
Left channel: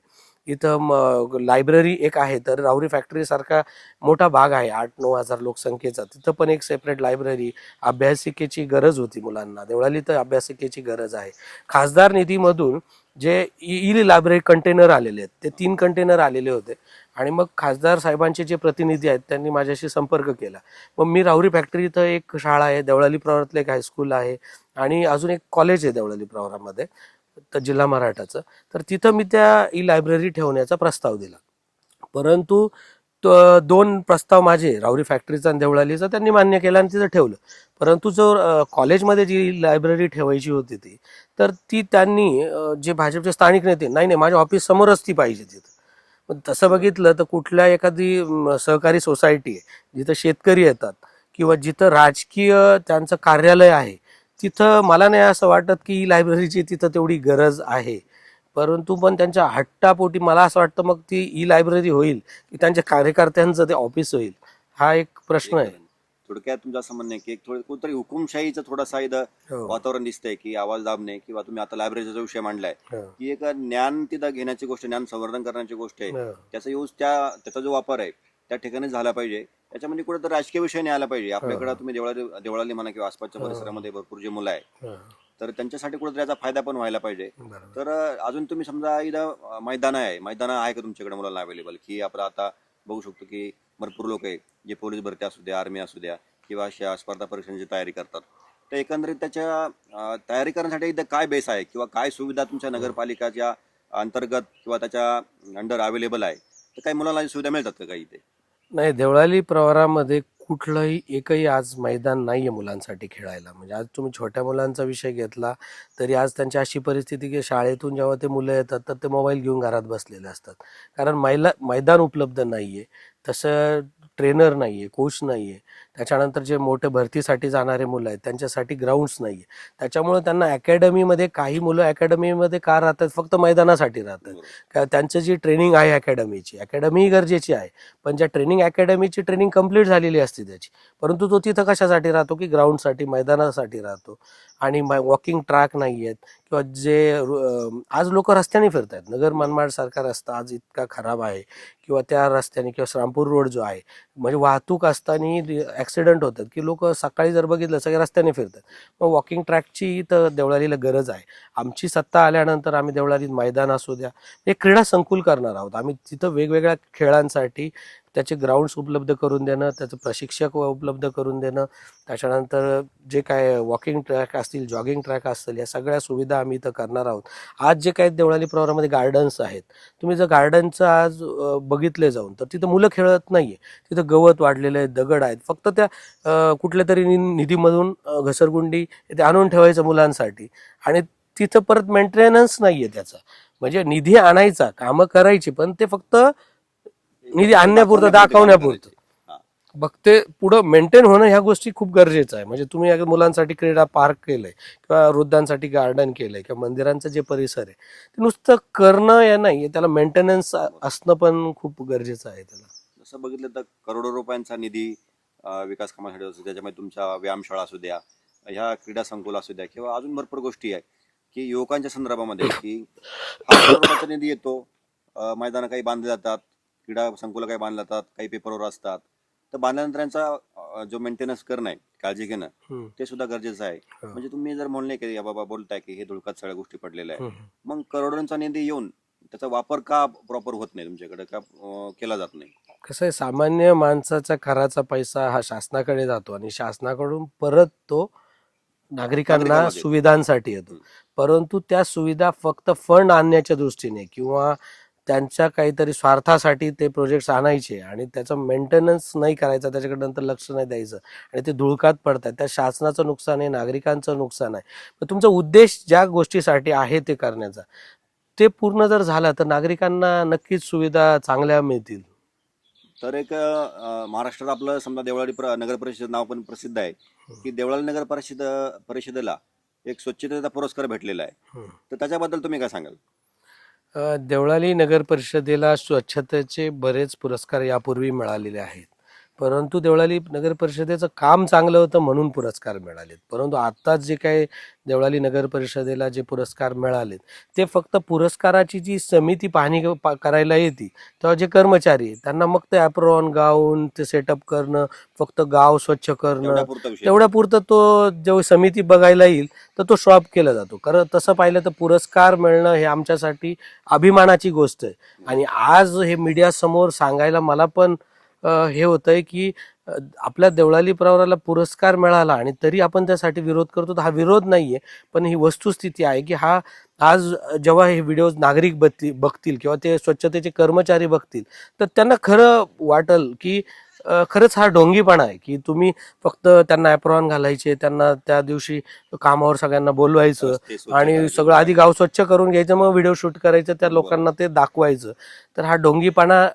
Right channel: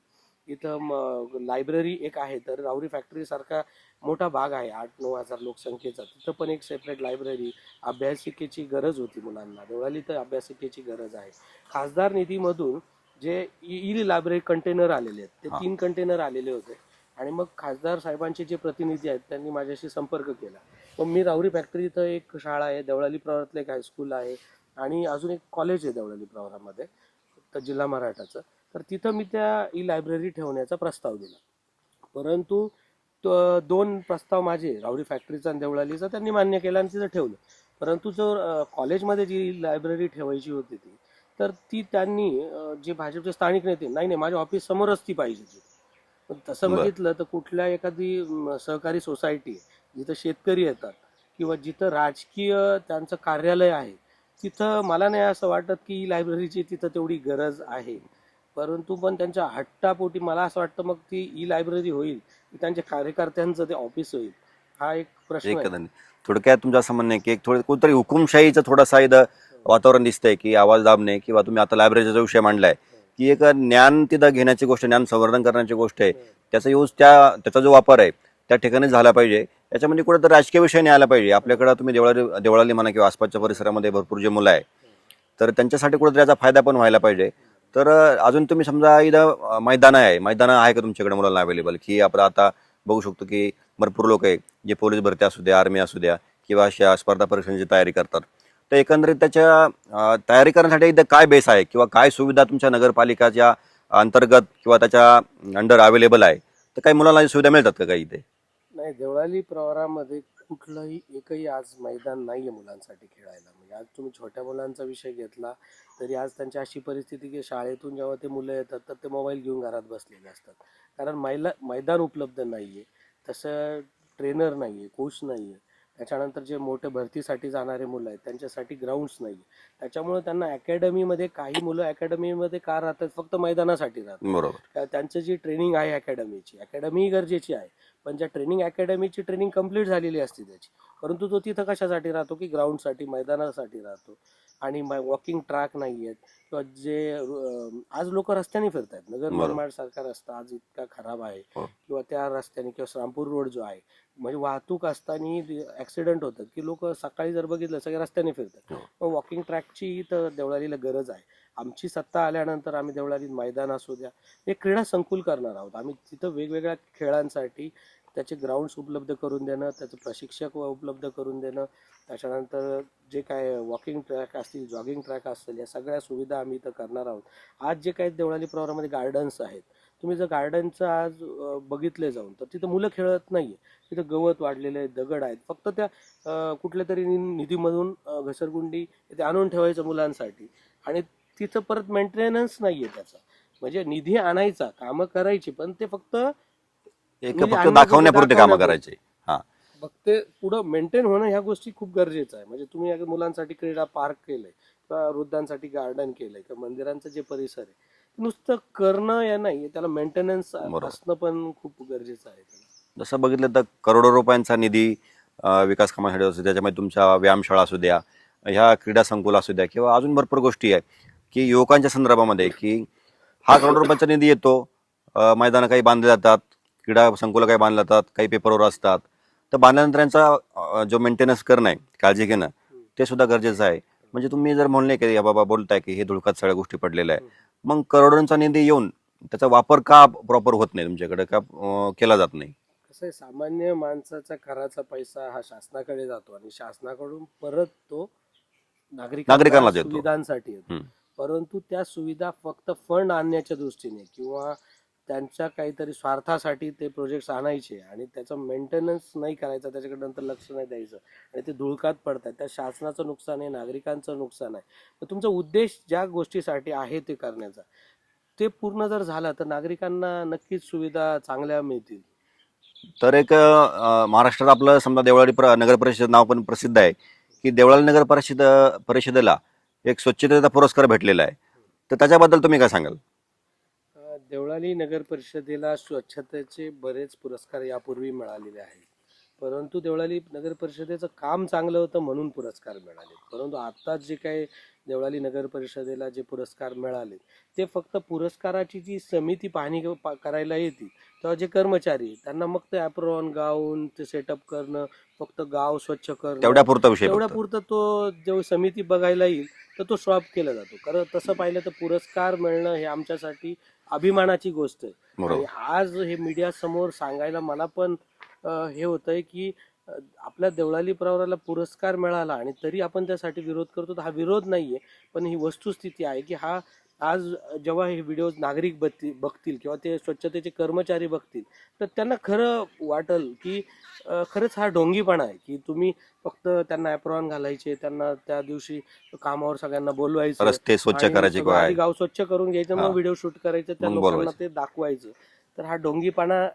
इथं लायब्ररी एक आहे, तर राहुरी फॅक्टरी सारखा मोठा भाग आहे 8-9 हजार लोकसंख्येचा, तिथं पण एक सेपरेट लायब्ररी, अभ्यासिकेची गरज होती मुलांना. देवळाली तर अभ्यासिकेची गरज आहे. खासदार निधीमधून जे ई लायब्ररी कंटेनर आलेले आहेत, ते 3 कंटेनर आलेले होते आणि मग खासदार साहेबांचे जे प्रतिनिधी आहेत त्यांनी माझ्याशी संपर्क केला. मग मी राहुरी फॅक्टरी इथं एक शाळा आहे, देवळाली प्रवरातलं एक हायस्कूल आहे आणि अजून एक कॉलेज आहे देवळाली प्रवरामध्ये, तर जिल्हा मराठाचं. तर तिथं मी त्या ई लायब्ररी ठेवण्याचा प्रस्ताव दिला. परंतु 2 प्रस्ताव माझे राहुरी फॅक्टरीचा आणि देवळालीचा त्यांनी मान्य केला आणि तिथं ठेवलं. परंतु जो कॉलेजमध्ये जी लायब्ररी ठेवायची होती तर ती त्यांनी जे भाजपचे स्थानिक नेते, नाही माझ्या ऑफिस समोरच ती पाहिजे तिथं. पण तसं बरं. बघितलं तर कुठल्या एखादी सहकारी सोसायटी आहे जिथं शेतकरी येतात किंवा जिथं राजकीय त्यांचं कार्यालय आहे, तिथं मला नाही असं वाटत की लायब्ररीची तिथं तेवढी गरज आहे. परंतु पण त्यांच्या हट्टापोटी मला असं वाटतं मग ती ई लायब्ररी होईल की त्यांच्या कार्यकर्त्यांचं ते ऑफिस होईल, हा एक प्रश्न आहे. एकदम. थोडक्यात तुमचं असं म्हणणं आहे की एक थोडं कोणतरी हुकुमशाहीचं थोडासा इथं हो. वातावरण दिसतंय की आवाज दाबणे किंवा तुम्ही आता लायब्ररीचा जो विषय मांडलाय हो. की एक ज्ञान तिथं घेण्याची गोष्ट, ज्ञान संवर्धन करण्याची गोष्ट आहे, हो. त्याचा यूज त्याचा जो वापर आहे त्या ठिकाणी झाला पाहिजे. याच्यामध्ये कुठेतरी राजकीय विषय नाही आला पाहिजे. आपल्याकडे तुम्ही देवळाली म्हणा किंवा आसपासच्या परिसरामध्ये भरपूर जे मुलं आहे, हो. तर त्यांच्यासाठी कुठेतरी याचा फायदा पण व्हायला पाहिजे. तर अजून तुम्ही समजा इथं मैदान आहे का तुमच्याकडे मुलांना अवेलेबल, की आपण आता बघू शकतो की भरपूर लोक आहे जे पोलीस भरती असू द्या, आर्मी असू द्या किंवा अशा स्पर्धा परीक्षांची तयारी करतात. तर एकंदरीत त्याच्या तयारी करण्यासाठी इथं काय बेस आहे किंवा काय सुविधा तुमच्या नगरपालिकाच्या अंतर्गत किंवा त्याच्या अंडर अवेलेबल आहे, तर काही मुलांना सुविधा मिळतात का काही इथे? नाही, देवळाली प्रवरामध्ये कुठलंही एकही आज मैदान नाही आहे मुलांसाठी खेळायला. म्हणजे आज तुम्ही छोट्या मुलांचा विषय घेतला तरी आज त्यांची अशी परिस्थिती की शाळेतून जेव्हा ते मुलं येतात तर ते मोबाईल घेऊन घरात बसलेले असतात. कारण मैदान उपलब्ध नाही आहे, तसं ट्रेनर नाही आहे, कोच नाही आहे. त्याच्यानंतर जे मोठे भरतीसाठी जाणारे मुलं आहेत त्यांच्यासाठी ग्राउंड्स नाही आहे. त्याच्यामुळे त्यांना अकॅडमीमध्ये काही मुलं अकॅडमीमध्ये का राहतात, फक्त मैदानासाठी राहतात. बरोबर. का त्यांचं जी ट्रेनिंग आहे अकॅडमी गरजेची आहे, पण ज्या अकॅडमीची ट्रेनिंग कंप्लीट झालेली असते त्याची, परंतु तो तिथं कशासाठी राहतो की ग्राउंडसाठी, मैदानासाठी राहतो. आणि वॉकिंग ट्रॅक नाही आहेत किंवा आज लोक रस्त्याने फिरत आहेत. नगर बरोबर. मनमाड सारखा रस्ता आज इतका खराब आहे हो. किंवा त्या रस्त्याने किंवा श्रामपूर रोड जो आहे, म्हणजे वाहतूक असताना ॲक्सिडेंट होतात की लोक सकाळी जर बघितलं सगळे रस्त्याने फिरतात. मग वॉकिंग ट्रॅकची तर देवळालीला गरज आहे. आमची सत्ता आल्यानंतर आम्ही देवळालीत मैदान असू द्या, एक क्रीडा संकुल करणार आहोत. आम्ही तिथं वेगवेगळ्या खेळांसाठी त्याचे ग्राउंड्स उपलब्ध करून देणं, त्याचं प्रशिक्षक उपलब्ध करून देणं, त्याच्यानंतर जे काय वॉकिंग ट्रॅक असतील, जॉगिंग ट्रॅक असतील, या सगळ्या सुविधा आम्ही इथं करणार आहोत. आज जे काही देवळाली प्रवरामध्ये गार्डन्स आहेत, तुम्ही जर गार्डनचं आज बघितले जाऊन तर तिथं मुलं खेळत नाही आहे. तिथं गवत वाढलेलं आहे, दगड आहेत. फक्त त्या कुठल्या तरी निधीमधून घसरगुंडी ते आणून ठेवायचं मुलांसाठी आणि तिथं परत मेंटेनन्स नाही आहे त्याचा. म्हणजे निधी आणायचा, कामं करायची, पण ते फक्त निधी आणण्यापुरतं, दाखवण्यापुरतं. हा. मग ते पुढं मेंटेन होणं ह्या गोष्टी खूप गरजेचं आहे. म्हणजे तुम्ही अगर मुलांसाठी क्रीडा पार्क केलंय किंवा वृद्धांसाठी गार्डन केलंय किंवा मंदिरांचं जे परिसर आहे ते नुसतं करणं या नाही, त्याला मेंटेनन्स असणं पण खूप गरजेचं आहे. त्याला जसं बघितलं तर करोडो रुपयांचा निधी विकास कामासाठी असतो. त्याच्यामध्ये तुमच्या व्यायामशाळा असू द्या, ह्या क्रीडा संकुल असू द्या किंवा अजून भरपूर गोष्टी आहे की युवकांच्या संदर्भामध्ये की हा करोडो रुपयाचा निधी येतो, मैदानं काही बांधले जातात, क्रीडा संकुलं काही बांधले जातात, काही पेपरवर असतात. तर बांधल्यानंतर यांचा जो मेंटेनन्स करणं आहे, काळजी घेणं, ते सुद्धा गरजेचं आहे. म्हणजे तुम्ही जर म्हणले की या बाबा बोलताय की हे धुळकात सगळ्या गोष्टी पडलेल्या आहे, मग करोडोंचा निधी येऊन त्याचा वापर का प्रॉपर होत नाही तुमच्याकडे, का केला जात नाही? कसं आहे, सामान्य माणसाचा कराचा पैसा हा शासनाकडे जातो आणि शासनाकडून परत तो नागरिकांना नागरिकांना देतो. सुविधांसाठी येतो. परंतु त्या सुविधा फक्त फंड आणण्याच्या दृष्टीने किंवा त्यांच्या काहीतरी स्वार्थासाठी ते प्रोजेक्ट्स आणायचे आणि त्याचं मेंटेनन्स नाही करायचं, त्याच्याकडे नंतर लक्ष नाही द्यायचं आणि ते धुळकात पडतात. त्या शासनाचं नुकसान आहे, नागरिकांचं नुकसान आहे. पण तुमचा उद्देश ज्या गोष्टीसाठी आहे ते करण्याचा, ते पूर्ण जर झालं तर नागरिकांना नक्कीच सुविधा चांगल्या मिळतील. तर एक महाराष्ट्रात आपलं समजा देवळाली नगर परिषद नाव पण प्रसिद्ध आहे की देवळाली नगर परिषदेला एक स्वच्छतेचा पुरस्कार भेटलेला आहे. तर त्याच्याबद्दल तुम्ही काय सांगाल? देवळाली नगर परिषदेला स्वच्छतेचे बरेच पुरस्कार यापूर्वी मिळालेले आहेत. परंतु देवळाली नगर परिषदेचं काम चांगलं होतं म्हणून पुरस्कार मिळालेत. परंतु आता जे काही देवळाली नगर परिषदेला जे पुरस्कार मिळालेत ते फक्त पुरस्काराची जी समिती पाहणी करायला येते तेव्हा जे कर्मचारी आहेत त्यांना मग ते ॲप्रॉन गाऊन ते सेटअप करणं, फक्त गाव स्वच्छ करणं, तेवढ्यापुरता विषय तेवढ्यापुरतं तो जेव्हा समिती बघायला येईल तर तो शॉप केला जातो. कारण तसं पाहिलं तर पुरस्कार मिळणं हे आमच्यासाठी अभिमानाची गोष्ट आहे. आणि आज हे मीडियासमोर सांगायला मला पण हे होतंय की आपल्या देवळाली प्रवराला पुरस्कार मिळाला आणि तरी आपण त्यासाठी विरोध करतो. तर हा विरोध नाहीये, पण ही वस्तुस्थिती आहे की हा आज जेव्हा हे व्हिडिओज नागरिक बघतील किंवा ते स्वच्छतेचे कर्मचारी बघतील तर त्यांना खरं वाटेल की खरंच हा ढोंगीपणा आहे की तुम्ही फक्त त्यांना ॲप्रॉन घालायचे, त्यांना त्या दिवशी कामावर सगळ्यांना बोलवायचं रस्ते स्वच्छ आणि करायचे सगळं आधी गाव स्वच्छ करून घ्यायचं, मग हा. व्हिडिओ शूट करायचं, त्या मग लोकांना बोलवायचं. ते दाखवायचं. तर हा ढोंगीपणा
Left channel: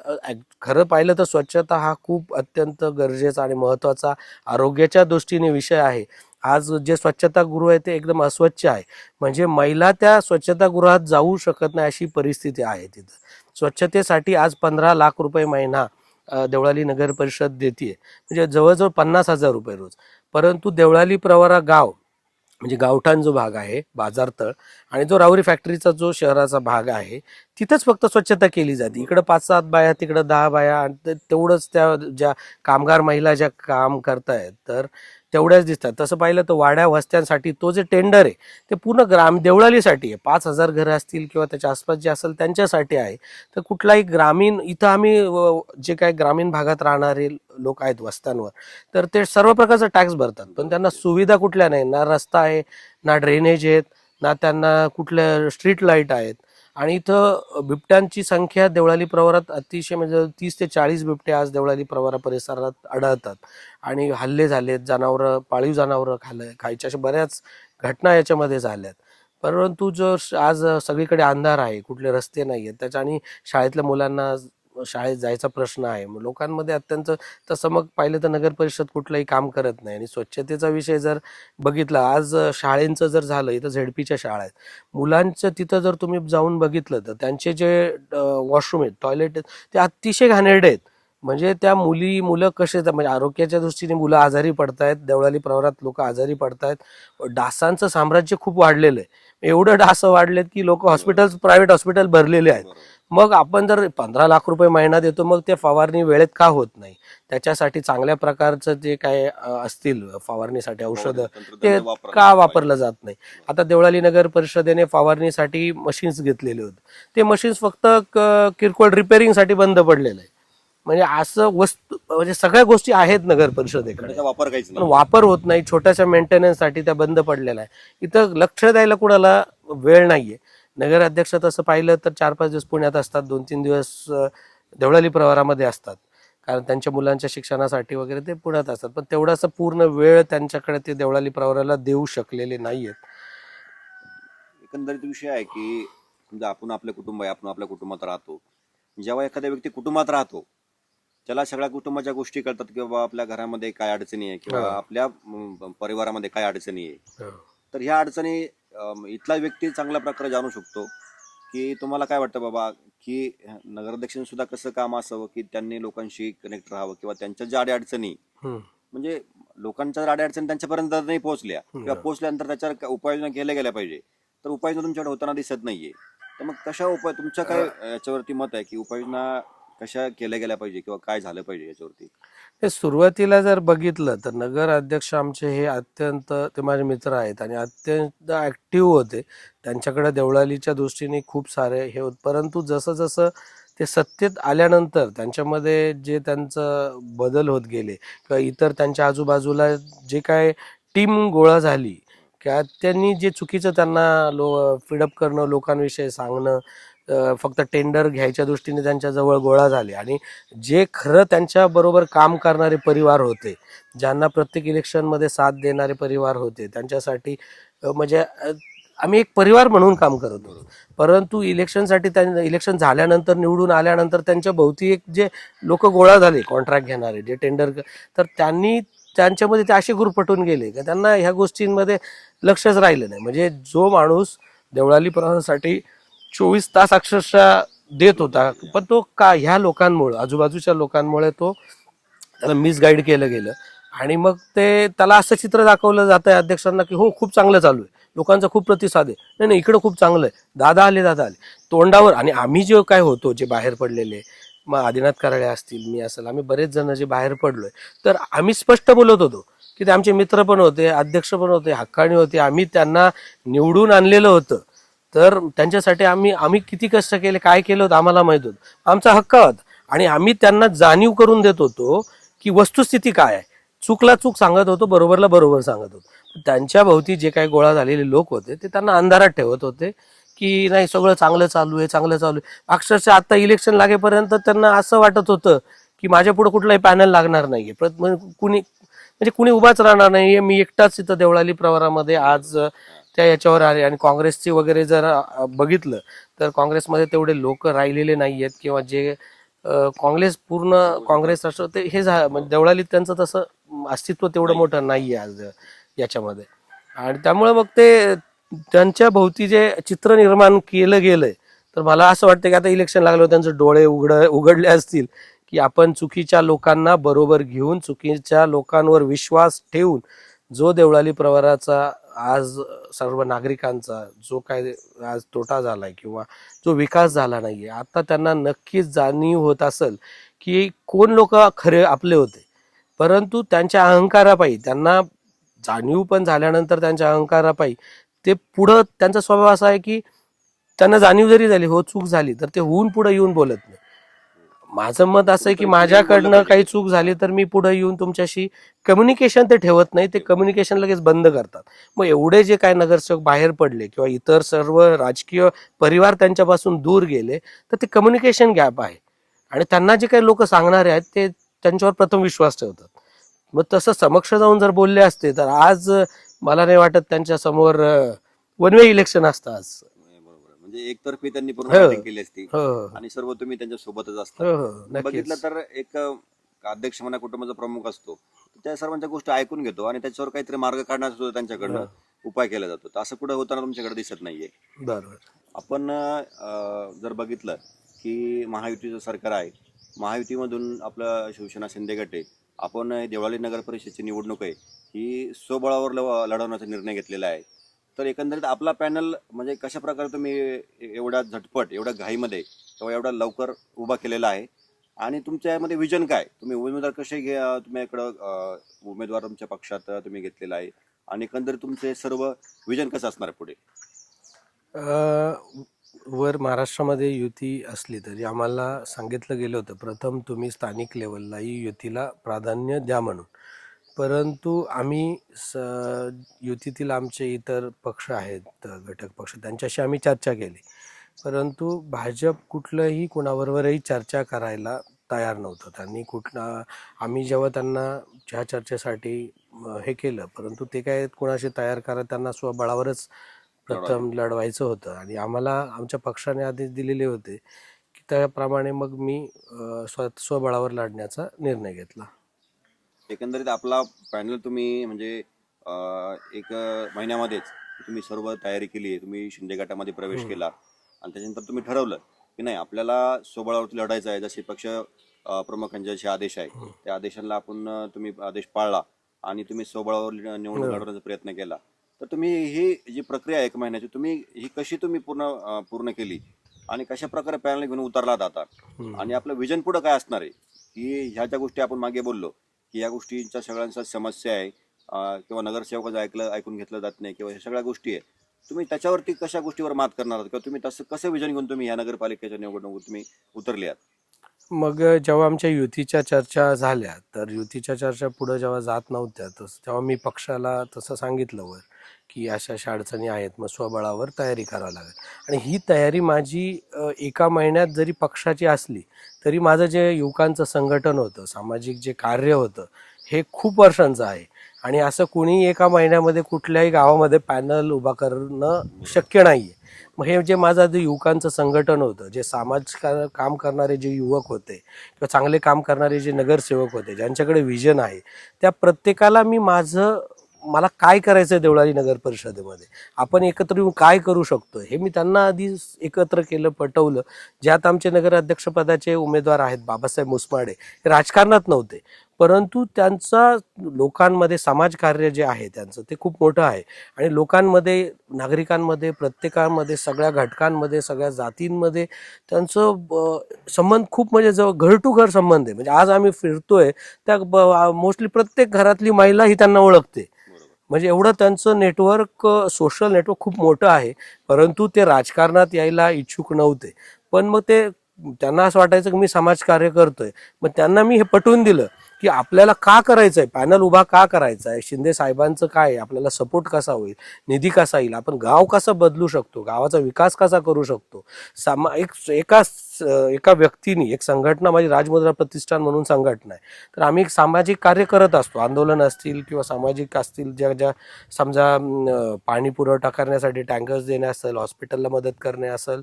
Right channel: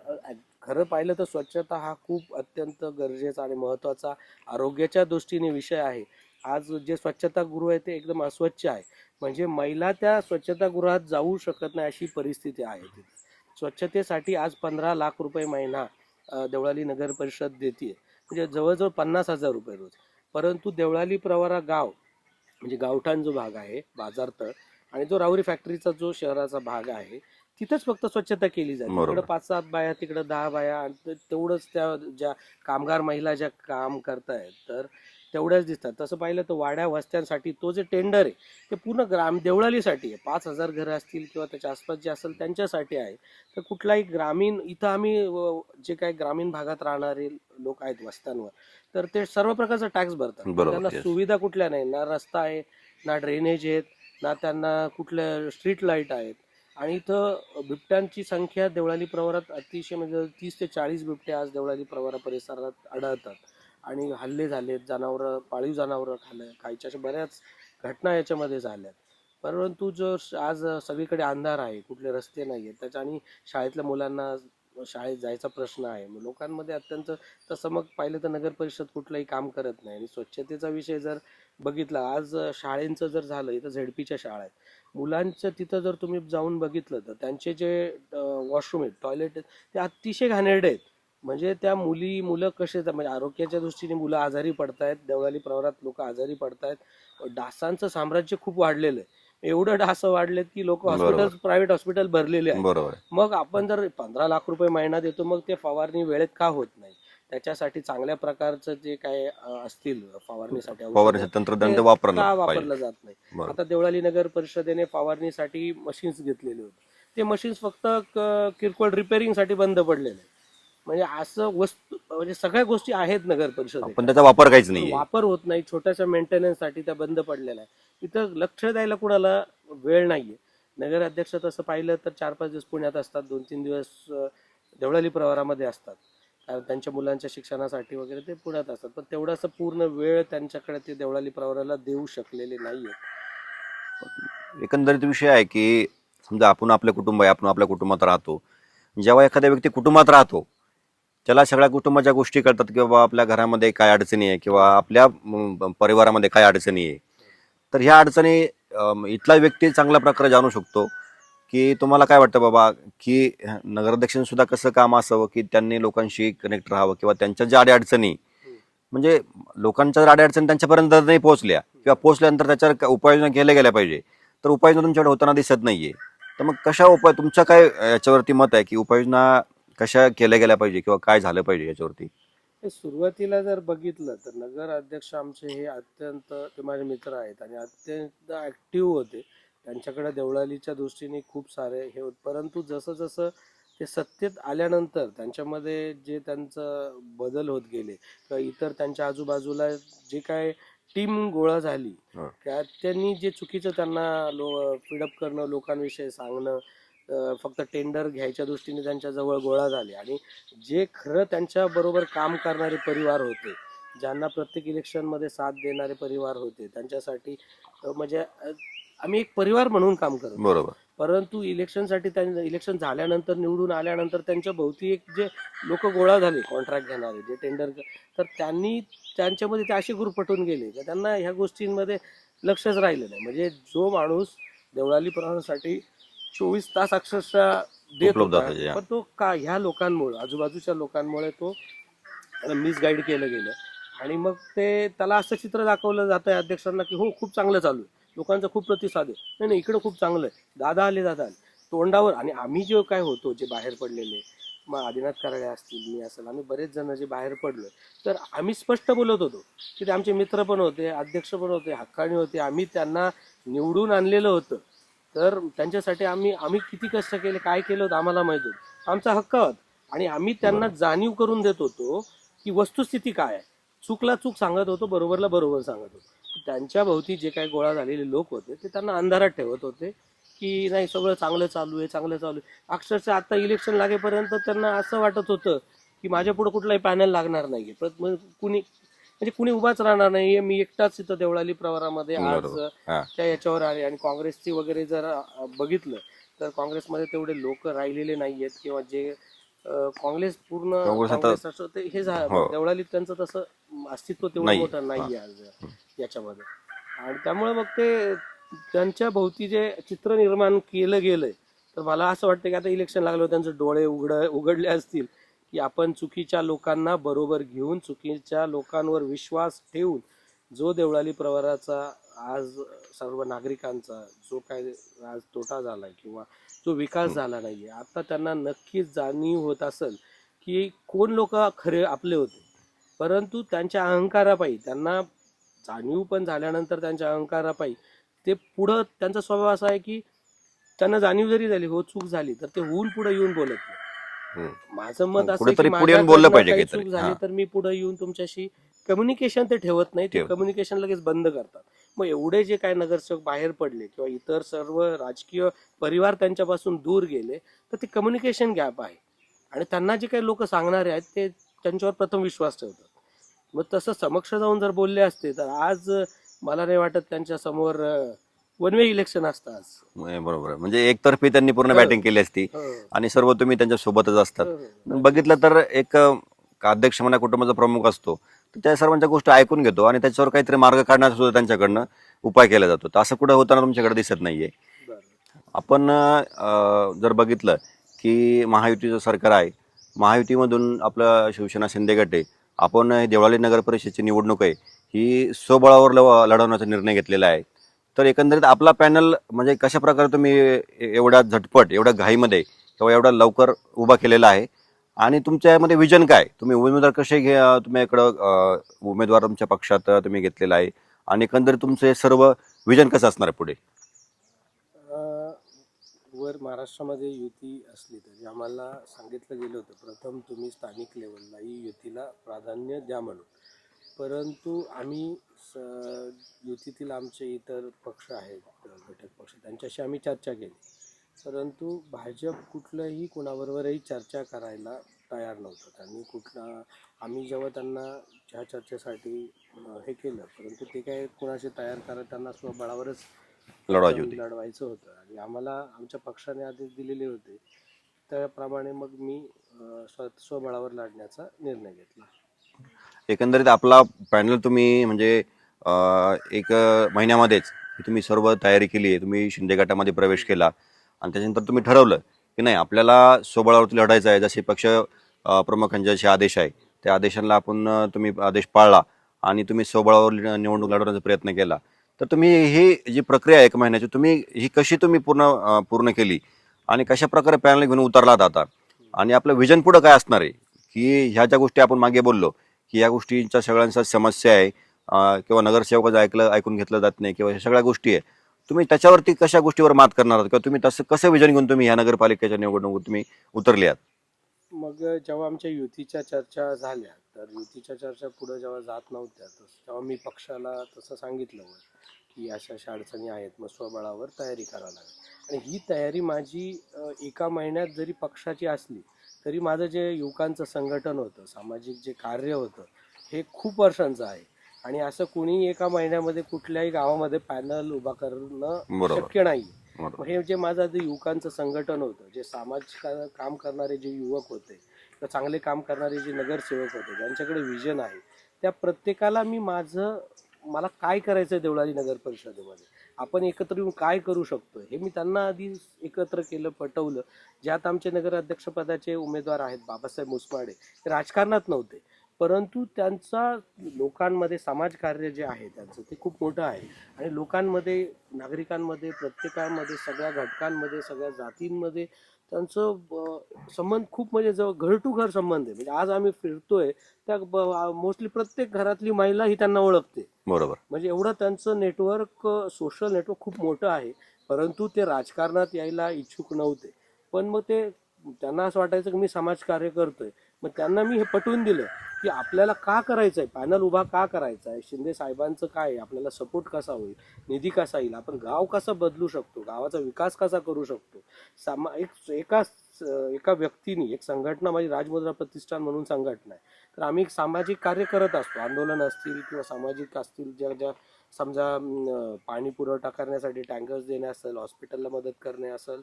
खरं पाहिलं तर स्वच्छता हा खूप अत्यंत गरजेचा आणि महत्त्वाचा आरोग्याच्या दृष्टीने विषय आहे. आज जे स्वच्छतागृह आहे ते एकदम अस्वच्छ आहे. म्हणजे महिला त्या स्वच्छतागृहात जाऊ शकत नाही अशी परिस्थिती आहे तिथं. स्वच्छतेसाठी आज 15 लाख रुपये महिना देवळाली नगर परिषद देते, म्हणजे जवळजवळ 50,000 रुपये रोज. परंतु देवळाली प्रवरा गाव म्हणजे गावठाण जो भाग आहे, बाजारतळ आणि जो राहुरी फॅक्टरीचा जो शहराचा भाग आहे, तिथंच फक्त स्वच्छता केली जाते. इकडं 5-7 बाया, तिकडं 10 बाया आणि तेवढंच त्या ज्या कामगार महिला ज्या काम करतायत. तर तेवढ्याच दिसतात. तसं पाहिलं तर वाड्या वस्त्यांसाठी तो जे टेंडर आहे ते पूर्ण देवळालीसाठी आहे. 5,000 घरं असतील किंवा त्याच्या आसपास जे असेल त्यांच्यासाठी आहे. तर कुठलाही ग्रामीण इथं आम्ही जे काही ग्रामीण भागात राहणारे लोक आहेत वस्त्यांवर, तर ते सर्व प्रकारचा टॅक्स भरतात, पण बरोबर, त्यांना yes. सुविधा कुठल्या नाही. ना रस्ता आहे, ना ड्रेनेज आहेत, ना त्यांना कुठल्या स्ट्रीट लाईट आहेत. आणि इथं बिबट्यांची संख्या देवळाली प्रवरात अतिशय म्हणजे 30 ते 40 बिबटे आज देवळाली प्रवरा परिसरात आढळतात. आणि हल्ले झालेत, जनावरं पाळीव जनावरं खायच्या अशा बऱ्याच घटना याच्यामध्ये झाल्यात. परंतु आज सगळीकडे अंधार आहे, कुठले रस्ते नाही आहेत त्याच्या, आणि शाळेतल्या मुलांना शाळेत जायचा प्रश्न आहे. मग लोकांमध्ये अत्यंत, तसं मग पाहिलं तर नगर परिषद कुठलंही काम करत नाही. आणि स्वच्छतेचा विषय जर बघितला, आज शाळेंचं जर झालं, इथं झेडपीच्या शाळा आहेत, मुलांचं तिथं जर तुम्ही जाऊन बघितलं तर त्यांचे जे वॉशरूम आहेत, टॉयलेट आहेत, ते अतिशय घाणेरडे आहेत. म्हणजे त्या मुलं कसे, म्हणजे आरोग्याच्या दृष्टीने मुलं आजारी पडतायत. देवळाली प्रवरात लोक आजारी पडतायत. डासांचं साम्राज्य खूप वाढलेलं आहे. एवढं डास वाढलेत की लोक हॉस्पिटल, प्रायव्हेट हॉस्पिटल भरलेले आहेत. बरोबर. मग आपण जर 15 लाख रुपये महिना देतो, मग ते फवारणी वेळेत का होत नाही? त्याच्यासाठी चांगल्या प्रकारचं जे काय असतील फवारणीसाठी औषध, तंत्रज्ञान का वापरलं जात नाही? आता देवळाली नगर परिषदेने फवारणीसाठी मशीन्स घेतलेले होते. ते मशीन्स फक्त किरकोळ रिपेअरिंगसाठी बंद पडलेलं आहे. म्हणजे असं वस्तू, म्हणजे सगळ्या गोष्टी आहेत नगर परिषदेकडे, पण त्याचा वापर काहीच नाही, वापर होत नाही. छोट्याशा मेंटेनन्ससाठी त्या बंद पडलेल्या आहे. इथं लक्ष द्यायला कुणाला वेळ नाहीये. नगर अध्यक्ष तसं पाहिलं तर 4-5 दिवस पुण्यात असतात, 2-3 दिवस देवळाली प्रवारामध्ये असतात, कारण त्यांच्या मुलांच्या शिक्षणासाठी वगैरे ते पुण्यात असतात. पण तेवढासा पूर्ण वेळ त्यांच्याकडे ते देवळाली प्रवाराला देऊ शकलेले नाहीयेत. एकंदरीत विषय आहे की समजा आपण आपलं कुटुंब आहे, आपण आपल्या कुटुंबात राहतो. जेव्हा एखाद्या व्यक्ती कुटुंबात राहतो, त्याला सगळ्या कुटुंबाच्या गोष्टी कळतात की बाबा आपल्या घरामध्ये काय अडचणी आहे किंवा आपल्या परिवारामध्ये काय अडचणी आहे. तर ह्या अडचणी इथला व्यक्ती चांगल्या प्रकारे जाणू शकतो. की तुम्हाला काय वाटतं बाबा की नगराध्यक्षांनी सुद्धा कसं काम असावं की त्यांनी लोकांशी कनेक्ट राहावं किंवा त्यांच्या ज्या अडचणी, म्हणजे लोकांच्या जर अडचणी त्यांच्यापर्यंत नाही पोहोचल्या किंवा पोहोचल्यानंतर त्याच्यावर उपाययोजना केल्या गेल्या पाहिजे, तर उपाययोजना तुमच्याकडे होताना दिसत नाहीये. तर मग कशा तुमचं काय याच्यावरती मत आहे की उपाययोजना कशा केल्या गेल्या पाहिजे किंवा काय झालं पाहिजे याच्यावरती? हे सुरुवातीला जर बघितलं तर नगर अध्यक्ष आमचे हे अत्यंत, ते माझे मित्र आहेत आणि अत्यंत ऍक्टिव्ह होते. त्यांच्याकडे देवळालीच्या दृष्टीने खूप सारे हे होत. परंतु जसं जसं ते सत्तेत आल्यानंतर त्यांच्यामध्ये जे त्यांचं बदल होत गेले किंवा इतर त्यांच्या आजूबाजूला जे काय टीम गोळा झाली, किंवा त्यांनी जे चुकीचं त्यांना फीडअप करणं, लोकांविषयी सांगणं, फक्त टेंडर घ्यायच्या दृष्टीने त्यांच्याजवळ गोळा झाले. आणि जे खरं त्यांच्या बरोबर काम करणारे परिवार होते, ज्यांना प्रत्येक इलेक्शनमध्ये साथ देणारे परिवार होते, त्यांच्यासाठी म्हणजे आम्ही एक परिवार म्हणून काम करतो. बरोबर. परंतु इलेक्शनसाठी इलेक्शन झाल्यानंतर, निवडून आल्यानंतर त्यांच्या भोवती एक जे लोक गोळा झाले, कॉन्ट्रॅक्ट घेणारे, जे टेंडर, तर त्यांनी त्यांच्यामध्ये ते असे ग्रुप पटून गेले की त्यांना ह्या गोष्टींमध्ये लक्षच राहिलं नाही. म्हणजे जो माणूस देवळाली प्रवासासाठी 24 तास अक्षरशः देत होता, पण तो का ह्या लोकांमुळे, आजूबाजूच्या लोकांमुळे तो त्याला मिसगाईड केलं गेलं. आणि मग ते त्याला असं चित्र दाखवलं जात आहे अध्यक्षांना की हो खूप चांगलं चालू आहे, लोकांचा खूप प्रतिसाद आहे, नाही नाही इकडं खूप चांगलं आहे, दादा आले तोंडावर. आणि आम्ही जे काय होतो, जे बाहेर पडलेले, मग आदिनाथ कराळे असतील, मी असेल, आम्ही बरेच जण जे बाहेर पडलोय, तर आम्ही स्पष्ट बोलत होतो की ते आमचे मित्र पण होते, अध्यक्ष पण होते, हक्काणी होते, आम्ही त्यांना निवडून आणलेलं होतं. तर त्यांच्यासाठी आम्ही किती कष्ट केले, काय केलं होतं आम्हाला माहित होतं, आमचा हक्क होता. आणि आम्ही त्यांना जाणीव करून देत होतो की वस्तुस्थिती काय आहे. चूकला चूक सांगत होतो, बरोबरला बरोबर सांगत होतो. त्यांच्या भोवती जे काही गोळा झालेले लोक होते ते त्यांना अंधारात ठेवत होते की नाही सगळं चांगलं चालू आहे, चांगलं चालू आहे. अक्षरशः आता इलेक्शन लागेपर्यंत त्यांना असं वाटत होतं की माझ्या पुढे कुठलाही पॅनल लागणार नाहीये, कुणी उभाच राहणार नाहीये, मी एकटाच इथं देवळाली प्रवारामध्ये आज त्या याच्यावर आले. आणि काँग्रेसची वगैरे जर बघितलं तर काँग्रेसमध्ये तेवढे लोक राहिलेले नाहीयेत, किंवा जे काँग्रेस पूर्ण काँग्रेस असं ते हे देवळालीत त्यांचं तसं अस्तित्व तेवढं मोठं नाहीये आज याच्यामध्ये. आणि त्यामुळे मग ते त्यांच्या भोवती जे चित्र निर्माण केलं गेलंय, तर मला असं वाटतं की आता इलेक्शन लागलं, त्यांचे डोळे उघडले असतील की आपण चुकीच्या लोकांना बरोबर घेऊन, चुकीच्या लोकांवर विश्वास ठेवून जो देवळाली प्रवाराचा आज सर्व नागरिकांचा जो काय आज तोटा झालाय किंवा जो विकास झाला नाहीये, आता त्यांना नक्कीच जाणीव होत असेल की कोण लोक खरे आपले होते, परंतु त्यांच्या अहंकारापायी त्यांना जाणीव पण झाल्यानंतर त्यांच्या अहंकारापायी ते पुढं त्यांचा स्वभाव असा आहे की त्यांना जाणीव जरी झाली हो चूक झाली तर ते होऊन पुढे येऊन बोलत नाही. हम्म. माझं मत असं आहे की कुठेतरी पुढे येऊन बोललं माझ्याकडनं पाहिजे काही काहीतरी. चूक झाली हा, तर मी पुढे येऊन तुमच्याशी कम्युनिकेशन ते ठेवत नाही, ते ठेव. कम्युनिकेशन लगेच बंद करतात. मग एवढे जे काय नगरसेवक बाहेर पडले किंवा इतर सर्व राजकीय परिवार त्यांच्यापासून दूर गेले तर ते कम्युनिकेशन गॅप आहे. आणि त्यांना जे काही लोक सांगणारे आहेत ते त्यांच्यावर प्रथम विश्वास ठेवतात. मग तसं समक्ष जाऊन जर बोलले असते तर आज मला नाही वाटत त्यांच्या समोर वन वे इलेक्शन असतं आज. बरोबर आहे. म्हणजे एकतर्फी त्यांनी पूर्ण हो बॅटिंग केली असती हो आणि सर्व तुम्ही त्यांच्या सोबतच असतात. हो हो बघितलं नक्कीच. तर एक अध्यक्ष म्हणा कुटुंबाचा प्रमुख असतो, तर त्या सर्वांच्या गोष्टी ऐकून घेतो आणि त्याच्यावर काहीतरी मार्ग काढण्याचा सुद्धा त्यांच्याकडनं हो, उपाय केला जातो. तर असं कुठं होताना तुमच्याकडे दिसत नाहीये. बरोबर. आपण जर बघितलं की महायुतीचं सरकार आहे, महायुतीमधून आपलं शिवसेना शिंदे गट आहे, आपण देवळाली नगर परिषदेची निवडणूक आहे ही स्वबळावर लढवण्याचा निर्णय घेतलेला आहे. तर एकंदरीत आपला पॅनल म्हणजे कशा प्रकारे तुम्ही एवढ्या झटपट एवढ्या घाईमध्ये किंवा एवढ्या लवकर उभा केलेला आहे आणि तुमच्या यामध्ये विजन काय, तुम्ही उमेदवार कसे तुम्ही इकडं उमेदवार तुमच्या पक्षात तुम्ही घेतलेला आहे आणि एकंदरीत तुमचे सर्व विजन कसं असणार आहे पुढे? अ, वर महाराष्ट्रामध्ये युती असली तरी आम्हाला सांगितलं गेलं होतं प्रथम तुम्ही स्थानिक लेवललाही युतीला प्राधान्य द्या म्हणून. परंतु आम्ही युतीतील आमचे इतर पक्ष आहेत घटक पक्ष त्यांच्याशी आम्ही चर्चा केली. परंतु भाजप कुठलंही कोणाबरोबरही चर्चा करायला तयार नव्हतं. त्यांनी आम्ही जेव्हा त्यांना ज्या चर्चेसाठी हे केलं परंतु ते काय कोणाशी तयार करत त्यांना स्वबळावरच लढवायची प्रथम होती. लढवायचं होतं आणि आम्हाला आमच्या पक्षाने आदेश दिलेले होते की त्याप्रमाणे मग मी स्वबळावर लढण्याचा निर्णय घेतला. एकंदरीत आपला पॅनल तुम्ही म्हणजे एक महिन्यामध्येच तुम्ही सर्व तयारी केली आहे, तुम्ही शिंदे गटामध्ये प्रवेश हम्म. केला आणि त्याच्यानंतर तुम्ही ठरवलं की नाही आपल्याला स्वबळावरती लढायचं आहे. जसे पक्ष प्रमुखांचे जे आदेश आहे हम्म. त्या आदेशांना आपण तुम्ही आदेश पाळला आणि तुम्ही स्वबळावर निवडणूक हम्म. लढवण्याचा प्रयत्न केला. तर तुम्ही ही जी प्रक्रिया आहे 1 महिन्याची तुम्ही ही कशी तुम्ही पूर्ण केली आणि कशा प्रकारे पॅनल घेऊन उतरलात आता हम्म. आणि आपलं विजन पुढं काय असणार आहे की ह्या ज्या गोष्टी आपण मागे बोललो की या गोष्टींच्या सगळ्यांचा समस्या आहे किंवा नगरसेवकाचं ऐकून घेतलं जात नाही किंवा ह्या सगळ्या गोष्टी आहे, तुम्ही त्याच्यावरती कशा गोष्टीवर मात करणार आहात किंवा तुम्ही तसं कसं विजन घेऊन तुम्ही ह्या नगरपालिकेच्या निवडणुकीत तुम्ही उतरले आहात? मग जेव्हा आमच्या युतीच्या चर्चा झाल्या तर युतीच्या चर्चा पुढे जेव्हा जात नव्हत्या तेव्हा मी पक्षाला तसं सांगितलं वर की अशा अशा अडचणी आहेत मग स्वबळावर तयारी करावी लागेल. आणि ही तयारी माझी एका महिन्यात जरी पक्षाची असली तरी माझं जे युवकांचं संघटन होतं सामाजिक जे कार्य होतं हे खूप वर्षांचं आहे. आणि असं कुणी एका महिन्यामध्ये कुठल्याही गावामध्ये पॅनल उभा करणं बरोबर शक्य नाही आहे. बरोबर. मग हे जे माझं जे युवकांचं संघटन होतं जे काम करणारे जे युवक होते किंवा चांगले काम करणारे जे नगरसेवक होते ज्यांच्याकडे विजन आहे त्या प्रत्येकाला मी मला काय करायचं आहे देवळाली नगर परिषदेमध्ये आपण एकत्र येऊन काय करू शकतो हे मी त्यांना आधी एकत्र केलं पटवलं. ज्यात आमचे नगराध्यक्षपदाचे उमेदवार आहेत बाबासाहेब मुसमाडे हे राजकारणात नव्हते परंतु त्यांचा लोकांमध्ये समाजकार्य जे आहे त्यांचं ते खूप मोठं आहे. आणि लोकांमध्ये नागरिकांमध्ये प्रत्येकामध्ये सगळ्या घटकांमध्ये सगळ्या जातींमध्ये त्यांचं संबंध खूप म्हणजे जवळ घर टू घर संबंध आहे. म्हणजे आज आम्ही फिरतोय त्या मोस्टली प्रत्येक घरातली महिला ही त्यांना ओळखते. बरोबर. म्हणजे एवढं त्यांचं नेटवर्क सोशल नेटवर्क खूप मोठं आहे. परंतु ते राजकारणात यायला इच्छुक नव्हते. पण मग त्यांना असं वाटायचं की मी समाजकार्य करतोय. मग त्यांना मी हे पटवून दिलं की आपल्याला का करायचं आहे पॅनल उभा का करायचा आहे शिंदे साहेबांचं काय आहे आपल्याला सपोर्ट कसा होईल निधी कसा येईल आपण गाव कसं बदलू शकतो गावाचा विकास कसा करू शकतो. एका व्यक्तीने एक संघटना माझी राजमुद्रा प्रतिष्ठान म्हणून संघटना आहे तर आम्ही एक सामाजिक कार्य करत असतो. आंदोलन असतील किंवा सामाजिक असतील ज्या समजा पाणी पुरवठा करण्यासाठी टँकर्स देणे असेल हॉस्पिटलला मदत करणे असेल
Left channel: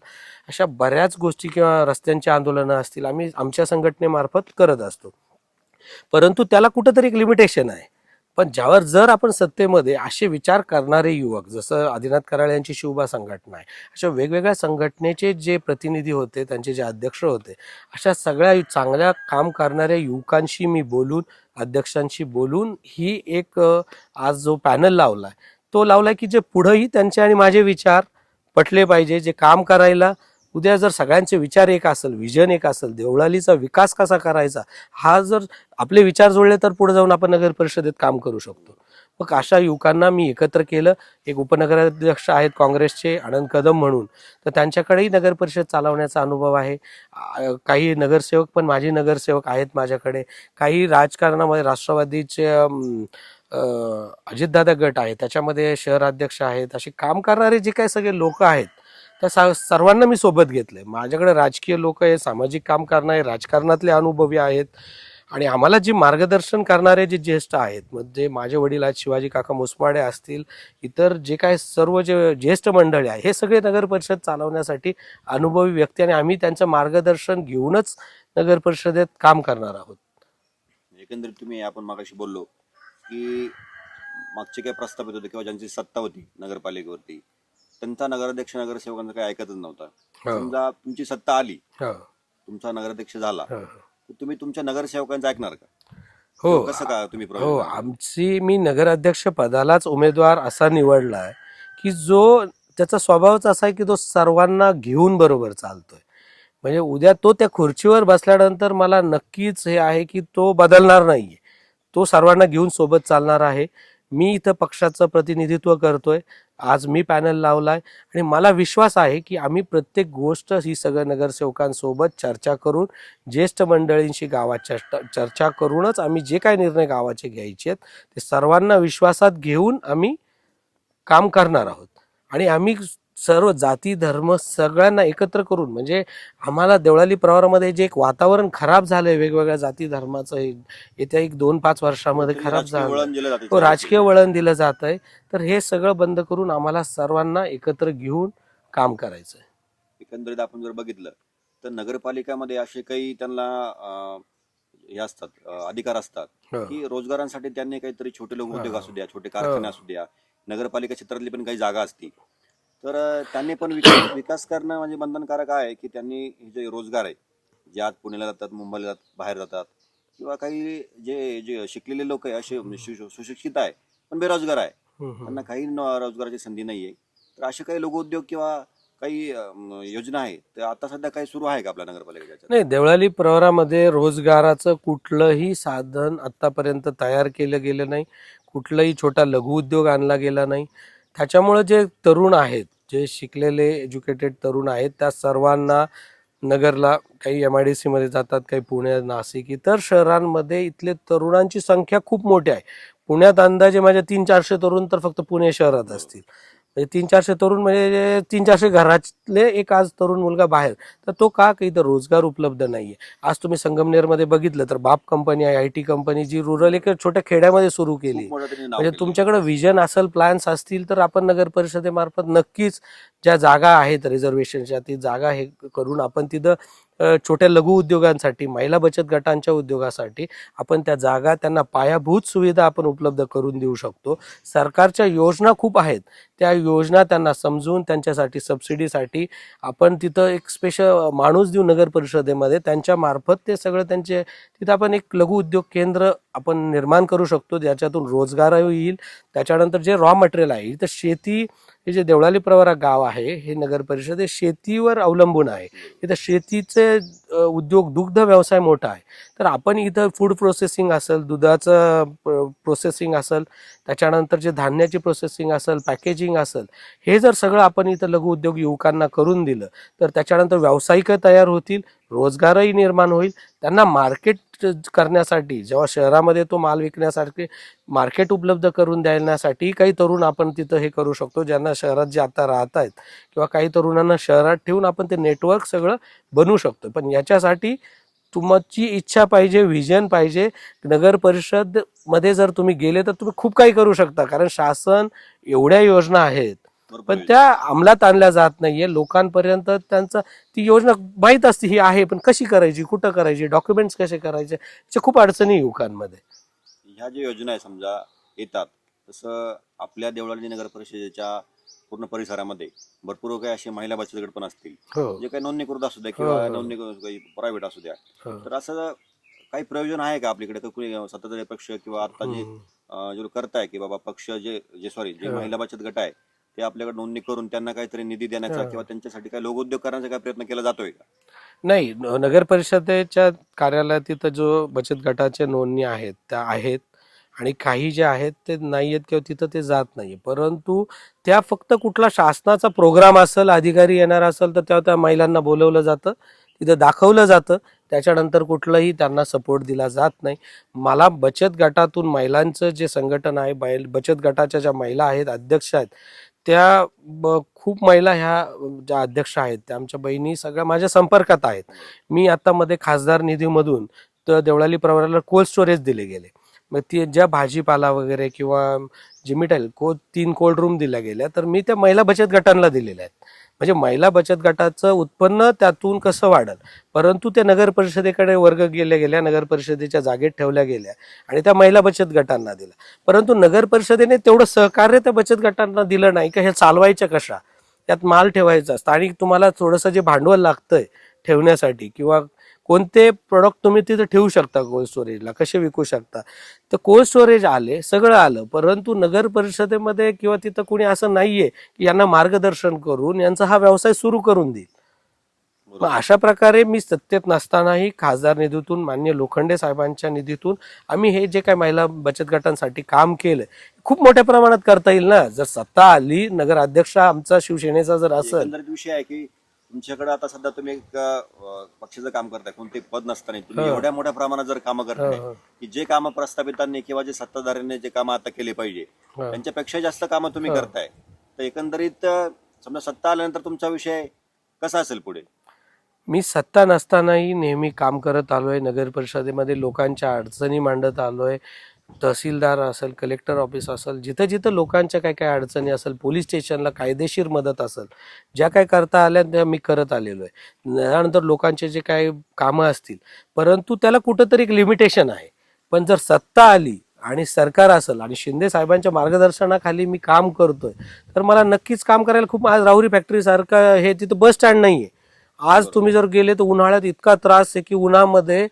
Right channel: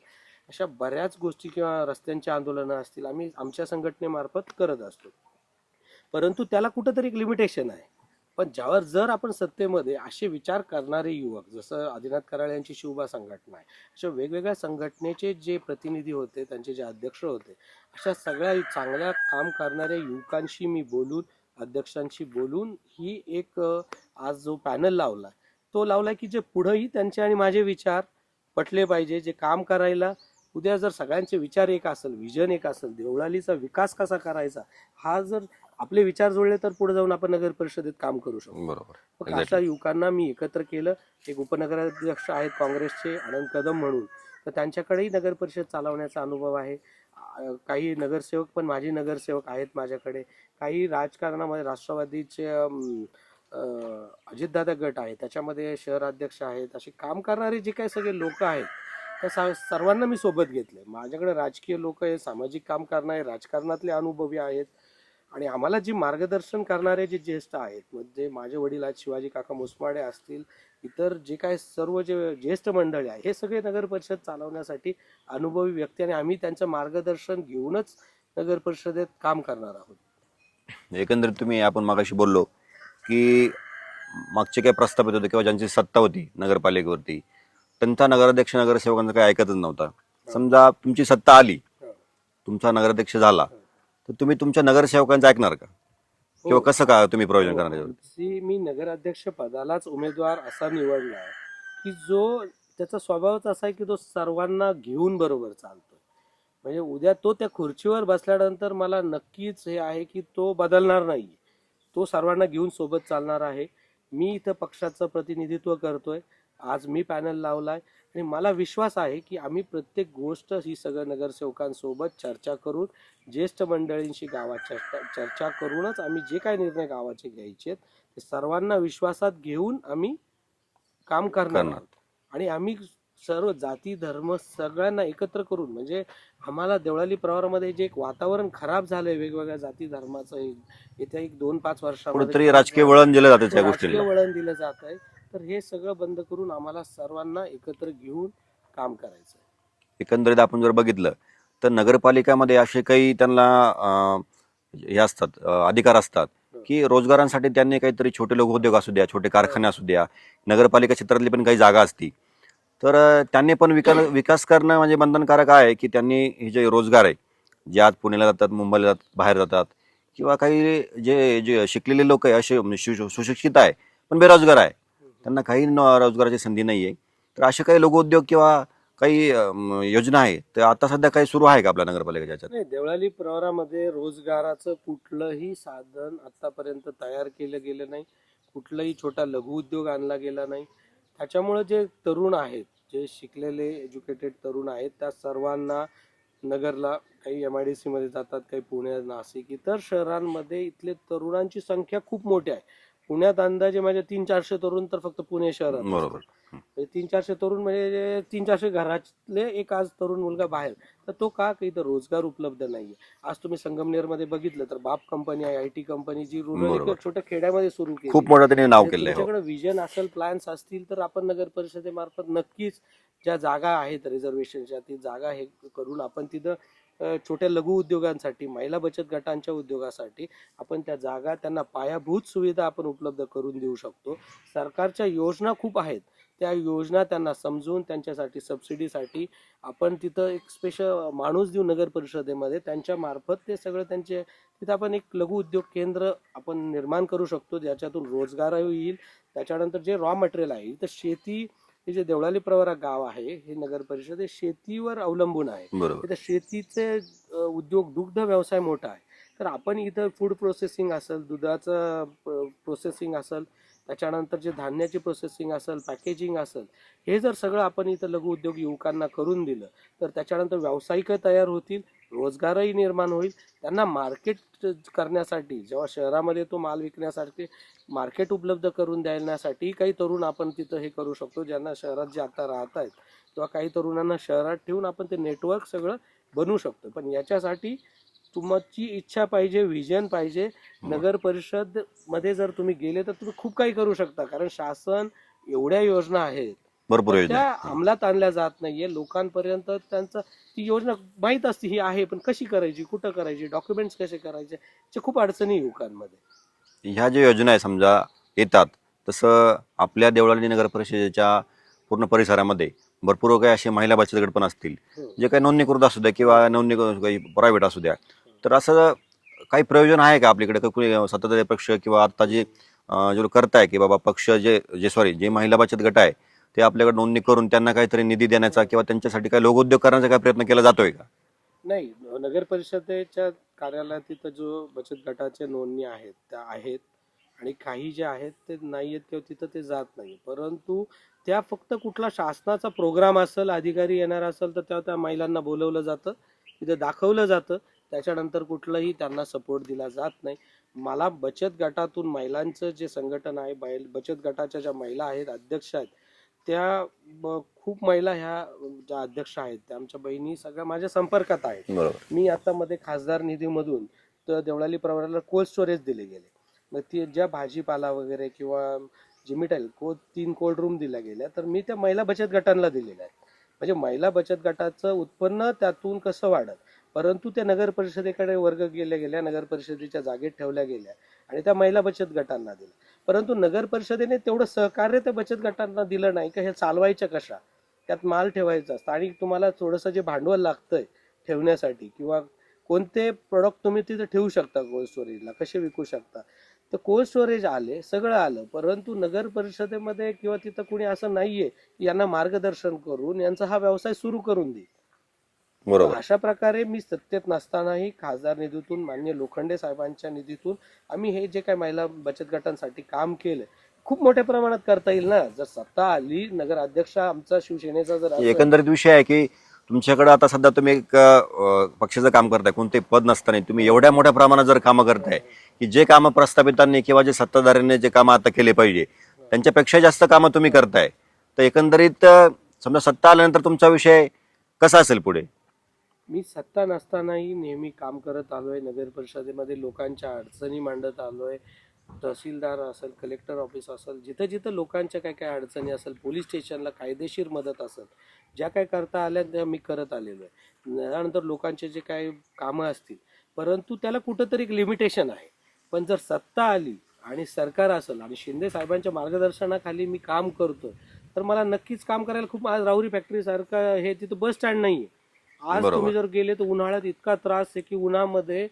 अशा बऱ्याच गोष्टी किंवा रस्त्यांची आंदोलनं असतील आम्ही आमच्या संघटनेमार्फत करत असतो. परंतु त्याला कुठंतरी एक लिमिटेशन आहे. पण जर आपण सत्तेमध्ये असे विचार करणारे युवक जसं आदिनाथ कराळे यांची शिवबा संघटना आहे अशा वेगवेगळ्या संघटनेचे जे प्रतिनिधी होते त्यांचे जे अध्यक्ष होते अशा सगळ्या चांगल्या काम करणाऱ्या युवकांशी मी बोलून अध्यक्षांशी बोलून ही एक आज जो पॅनल लावला तो लावला की जे पुढंही त्यांचे आणि माझे विचार पटले पाहिजे जे काम करायला उद्या जर सगळ्यांचे विचार एक असेल, विजन एक असेल, देवळालीचा विकास कसा करायचा, हा जर आपले विचार जुळले तर पुढे जाऊन आपण नगर परिषदेत काम करू शकतो. बरोबर. मग अशा युवकांना मी एकत्र केलं. एक उपनगराध्यक्ष आहेत काँग्रेसचे आनंद कदम म्हणून, तर त्यांच्याकडेही नगर परिषद चालवण्याचा अनुभव आहे. काही नगरसेवक पण माजी नगरसेवक आहेत माझ्याकडे. काही राजकारणामध्ये राष्ट्रवादीचे अजितदादा गट आहे, त्याच्यामध्ये शहराध्यक्ष आहेत. असे काम करणारे जे काही सगळे लोक आहेत त्या सर्वांना मी सोबत घेतलंय. माझ्याकडे राजकीय लोक आहे, सामाजिक काम करणारे, राजकारणातले अनुभवी आहेत. आणि आम्हाला जे मार्गदर्शन करणारे जे ज्येष्ठ आहेत, म्हणजे माझे वडील आहेत शिवाजी काका मुसमाडे असतील, इतर जे काय सर्व जे ज्येष्ठ मंडळी आहे, हे सगळे नगर परिषद चालवण्यासाठी अनुभवी व्यक्ती, आणि आम्ही त्यांचं मार्गदर्शन घेऊनच नगर परिषदेत काम करणार आहोत. एकंदरीत तुम्ही आपण मागाशी बोललो की मागचे काही प्रस्थापित होते किंवा ज्यांची सत्ता होती नगरपालिकेवरती, त्यांचा नगराध्यक्ष नगरसेवकांचा काही ऐकतच नव्हता. समजा तुमची सत्ता आली, हो, तुमचा नगराध्यक्ष झाला, हो. तर तुम्ही तुमच्या नगरसेवकांचं ऐकणार का? हो, किंवा कसं का तुम्ही प्रयोजन हो, करणार? मी नगराध्यक्ष पदालाच उमेदवार असा निवडलाय की जो त्याचा स्वभावच असा आहे की तो सर्वांना घेऊन बरोबर चालतोय. म्हणजे उद्या तो त्या खुर्चीवर बसल्यानंतर मला नक्कीच हे आहे की तो बदलणार नाहीये. तो सर्वांना घेऊन सोबत चालणार आहे. मी इथं पक्षाचं प्रतिनिधित्व करतोय. आज मी पॅनल लावलाय आणि मला विश्वास आहे की आम्ही प्रत्येक गोष्ट ही सगळ्या नगरसेवकांसोबत चर्चा करून, ज्येष्ठ मंडळींशी गावात चर्चा करूनच आम्ही जे काही निर्णय गावाचे घ्यायचे आहेत ते सर्वांना विश्वासात घेऊन आम्ही काम करणार आहोत. आणि आम्ही सर्व जाती धर्म सगळ्यांना एकत्र करून, म्हणजे आम्हाला देवळाली प्रवारामध्ये जे एक वातावरण खराब झालंय वेगवेगळ्या जाती धर्माचं, येत्या एक 2-5 वर्षामध्ये कुठेतरी खराब राजकीय झालंय. वळण दिलं जाते हो, त्या राजकीय गोष्टीला. वळण दिलं जात आहे. तर हे सगळं बंद करून आम्हाला सर्वांना एकत्र घेऊन काम करायचं आहे. एकंदरीत आपण जर बघितलं तर नगरपालिकामध्ये असे काही त्यांना हे असतात, अधिकार असतात हो. की रोजगारांसाठी त्यांनी काहीतरी छोटे लोक उद्योग असू द्या, छोटे कारखाने हो. असू द्या, नगरपालिका क्षेत्रातली पण काही जागा असती, तर त्यांनी पण विकास करणं म्हणजे बंधनकारक आहे की त्यांनी हे जे रोजगार आहे, जे आज पुण्याला जातात, मुंबईला जातात, बाहेर जातात, किंवा काही जे जे शिकलेले लोक आहे, असे म्हणजे सुशिक्षित आहे पण बेरोजगार आहे, त्यांना काही रोजगाराची संधी नाही आहे, तर असे काही लघुउद्योग किंवा काही योजना आहे तर आता सध्या काही सुरू आहे का आपल्या नगरपालिकेच्या ह्याच्यात? नाही, देवळाली प्रवरामध्ये रोजगाराचं कुठलंही साधन आतापर्यंत तयार केलं गेलं नाही. कुठलाही छोटा लघुउद्योग आणला गेला नाही. त्याच्यामुळे जे तरुण आहेत, जे शिकलेले एज्युकेटेड तरुण आहेत, त्या सर्वांना नगरला, काही MIDC मध्ये जातात, काही पुणे, नाशिक, इतर शहरांमध्ये इथले तरुणांची संख्या खूप मोठी आहे. पुण्यात अंदाजे माझे 300-400 तरुण तर फक्त पुणे शहरात बरोबर. असतील. म्हणजे 300-400 तरुण म्हणजे 300-400 घरातले एक आज तरुण मुलगा बाहेर. तर तो का? काही तर रोजगार उपलब्ध नाहीये. आज तुम्ही संगमनेरमध्ये बघितलं तर बाप कंपनी आहे, IT कंपनी, जी रुरल एक बरोबर. छोट्या खेड्यामध्ये सुरू केली. खूप मोठं त्यांनी नाव म्हणजे केलंय. तुमच्याकडे विजन असेल, प्लॅन्स असतील, तर आपण नगर परिषदेमार्फत नक्कीच ज्या जागा आहेत रिझर्वेशनच्या, ती जागा हे करून आपण तिथं छोट्या लघु उद्योगांसाठी, महिला बचत गटांच्या उद्योगासाठी आपण त्या जागा, त्यांना पायाभूत सुविधा आपण उपलब्ध करून देऊ शकतो. सरकारच्या योजना खूप आहेत, त्या योजना त्यांना समजून त्यांच्यासाठी सबसिडीसाठी आपण तिथं एक स्पेशल माणूस देऊ नगर परिषदेमध्ये, त्यांच्या मार्फत ते सगळं त्यांचे तिथं आपण एक लघु उद्योग केंद्र आपण निर्माण करू शकतो, ज्याच्यातून रोजगारही येईल. त्याच्यानंतर जे रॉ मटेरियल आहे, इथं शेती, हे जे देवळाली प्रवरा गाव आहे, हे नगर परिषद हे शेतीवर अवलंबून आहे. बरोबर. इथं शेतीचे उद्योग, दुग्ध व्यवसाय मोठा आहे. तर आपण इथं फूड प्रोसेसिंग असेल, दुधाचं प्रोसेसिंग असेल, त्याच्यानंतर जे धान्याची प्रोसेसिंग असेल, पॅकेजिंग असेल, हे जर सगळं आपण इथं लघु उद्योग युवकांना करून दिलं तर त्याच्यानंतर व्यावसायिक तयार होतील, रोजगारही निर्माण होईल. त्यांना मार्केट करण्यासाठी, जेव्हा शहरामध्ये तो माल विकण्यासाठी मार्केट उपलब्ध करून देण्यासाठी काही तरुण आपण तिथं हे करू शकतो, ज्यांना शहरात जे आता राहत आहेत, किंवा काही तरुणांना शहरात ठेवून आपण ते नेटवर्क सगळं बनवू शकतो. पण याच्यासाठी तुमची इच्छा पाहिजे, व्हिजन पाहिजे. नगर परिषद मध्ये जर तुम्ही गेले तर तुम्ही खूप काही करू शकता, कारण शासन एवढ्या योजना आहेत, भरपूर पण योजना. त्या अंमलात आणल्या जात नाहीये. लोकांपर्यंत त्यांचा ती योजना माहीत असते, ही आहे, पण कशी करायची, कुठं करायची, डॉक्युमेंट्स कसे करायचे, याच्या खूप अडचणी युवकांमध्ये. ह्या ज्या योजना आहे समजा येतात, तसं आपल्या देवळाली नगर परिषदेच्या पूर्ण परिसरामध्ये भरपूर काही असे महिला बचत गट पण असतील, हो, जे काही नोंदणीकृत असू द्या किंवा हो. नोंदणी काही प्रायव्हेट असू द्या, हो. तर असं काही प्रयोजन आहे का आपल्याकडे? का कोणी सत्ताधारी पक्ष किंवा आता जे जे करताय की बाबा पक्ष जे जे सॉरी जे हो. महिला बचत गट आहे, ते आपल्याकडे नोंदणी करून त्यांना काहीतरी निधी देण्याचा किंवा त्यांच्यासाठी काही लोकोद्योग करण्याचा काही प्रयत्न केला जातोय का? नाही, नगर परिषदेच्या कार्यालयात तिथं जो बचत गटाच्या नोंदणी आहेत त्या आहेत, आणि काही जे आहेत ते नाही आहेत किंवा तिथं ते जात नाही. परंतु त्या फक्त कुठला शासनाचा प्रोग्राम असेल, अधिकारी येणार असेल तर तेव्हा त्या महिलांना बोलवलं जातं, तिथं दाखवलं जातं. त्याच्यानंतर कुठलाही त्यांना सपोर्ट दिला जात नाही. मला बचत गटातून महिलांचं जे संघटन आहे, बचत गटाच्या ज्या महिला आहेत, अध्यक्ष आहेत, त्या खूप महिला ह्या ज्या अध्यक्ष आहेत त्या आमच्या बहिणी सगळ्या माझ्या संपर्कात आहेत. बरोबर. मी आता मध्ये खासदार निधीमधून तर देवळाली प्रवराला कोल्ड स्टोरेज दिले गेले. मग ती ज्या भाजीपाला वगैरे किंवा जे मिठाई 3 कोल्ड रूम दिल्या गेल्या, तर मी त्या महिला बचत गटांना दिलेल्या आहेत. म्हणजे महिला बचत गटाचं उत्पन्न त्यातून कसं वाढेल, परंतु त्या नगर परिषदेकडे वर्ग गेल्या गेल्या, नगर परिषदेच्या जागेत ठेवल्या गेल्या आणि त्या महिला बचत गटांना दिला. परंतु नगर परिषदेने तेवढं सहकार्य त्या बचत गटांना दिलं नाही. का हे चालवायचं कशा, त्यात माल ठेवायचा, स्थानिक तुम्हाला थोडंसं जे भांडवल लागतंय ठेवण्यासाठी किंवा कोणते प्रोडक्ट तुम्ही तिथे ठेवू शकता कोल्ड स्टोरेजला, कसे विकू शकता, तर कोल्ड स्टोरेज आले, सगळं आलं. परंतु नगर परिषदेमध्ये किंवा तिथं कोणी असं नाहीये की यांना मार्गदर्शन करून यांचा हा व्यवसाय सुरू करून देईल. बरोबर. अशा प्रकारे मी सत्तेत नसतानाही खासदार निधीतून, माननीय लोखंडे साहेबांच्या निधीतून आम्ही हे जे काही महिला बचत गटांसाठी काम केलं खूप मोठ्या प्रमाणात करता येईल ना. जर सत्ता आली, नगर अध्यक्ष आमचा शिवसेनेचा जर असं एकंदरीत विषय आहे की तुमच्याकडे आता सध्या तुम्ही एक पक्षाचं काम करताय, कोणतेही पद नसताना तुम्ही एवढ्या मोठ्या प्रमाणात जर कामं करताय की जे कामं प्रस्थापितांनी किंवा जे सत्ताधाऱ्यांनी जे कामं आता केले पाहिजे त्यांच्यापेक्षा जास्त कामं तुम्ही करताय, तर एकंदरीत समजा सत्ता आल्यानंतर तुमचा विषय कसा असेल पुढे? मी सत्ता नसतानाही नेहमी काम करत आलोय. नगर परिषदेमध्ये लोकांच्या अडचणी मांडत आलोय. तहसीलदार असेल, कलेक्टर ऑफिस असेल, जिथं जिथं लोकांच्या काय काय अडचणी असेल, पोलीस स्टेशनला कायदेशीर मदत असेल, ज्या काय करता आल्या त्या मी करत आलेलो आहे. त्यानंतर लोकांचे जे काही कामं असतील, परंतु त्याला कुठंतरी एक लिमिटेशन आहे. पण जर सत्ता आली आणि सरकार असेल आणि शिंदे साहेबांच्या मार्गदर्शनाखाली मी काम करतोय, तर मला नक्कीच काम करायला खूप. आज राहुरी फॅक्टरी सारखं हे तिथं बस स्टँड नाहीये. आज तुम्ही जर गेले तर उन्हाळ्यात इतका त्रास आहे की उन्हामध्ये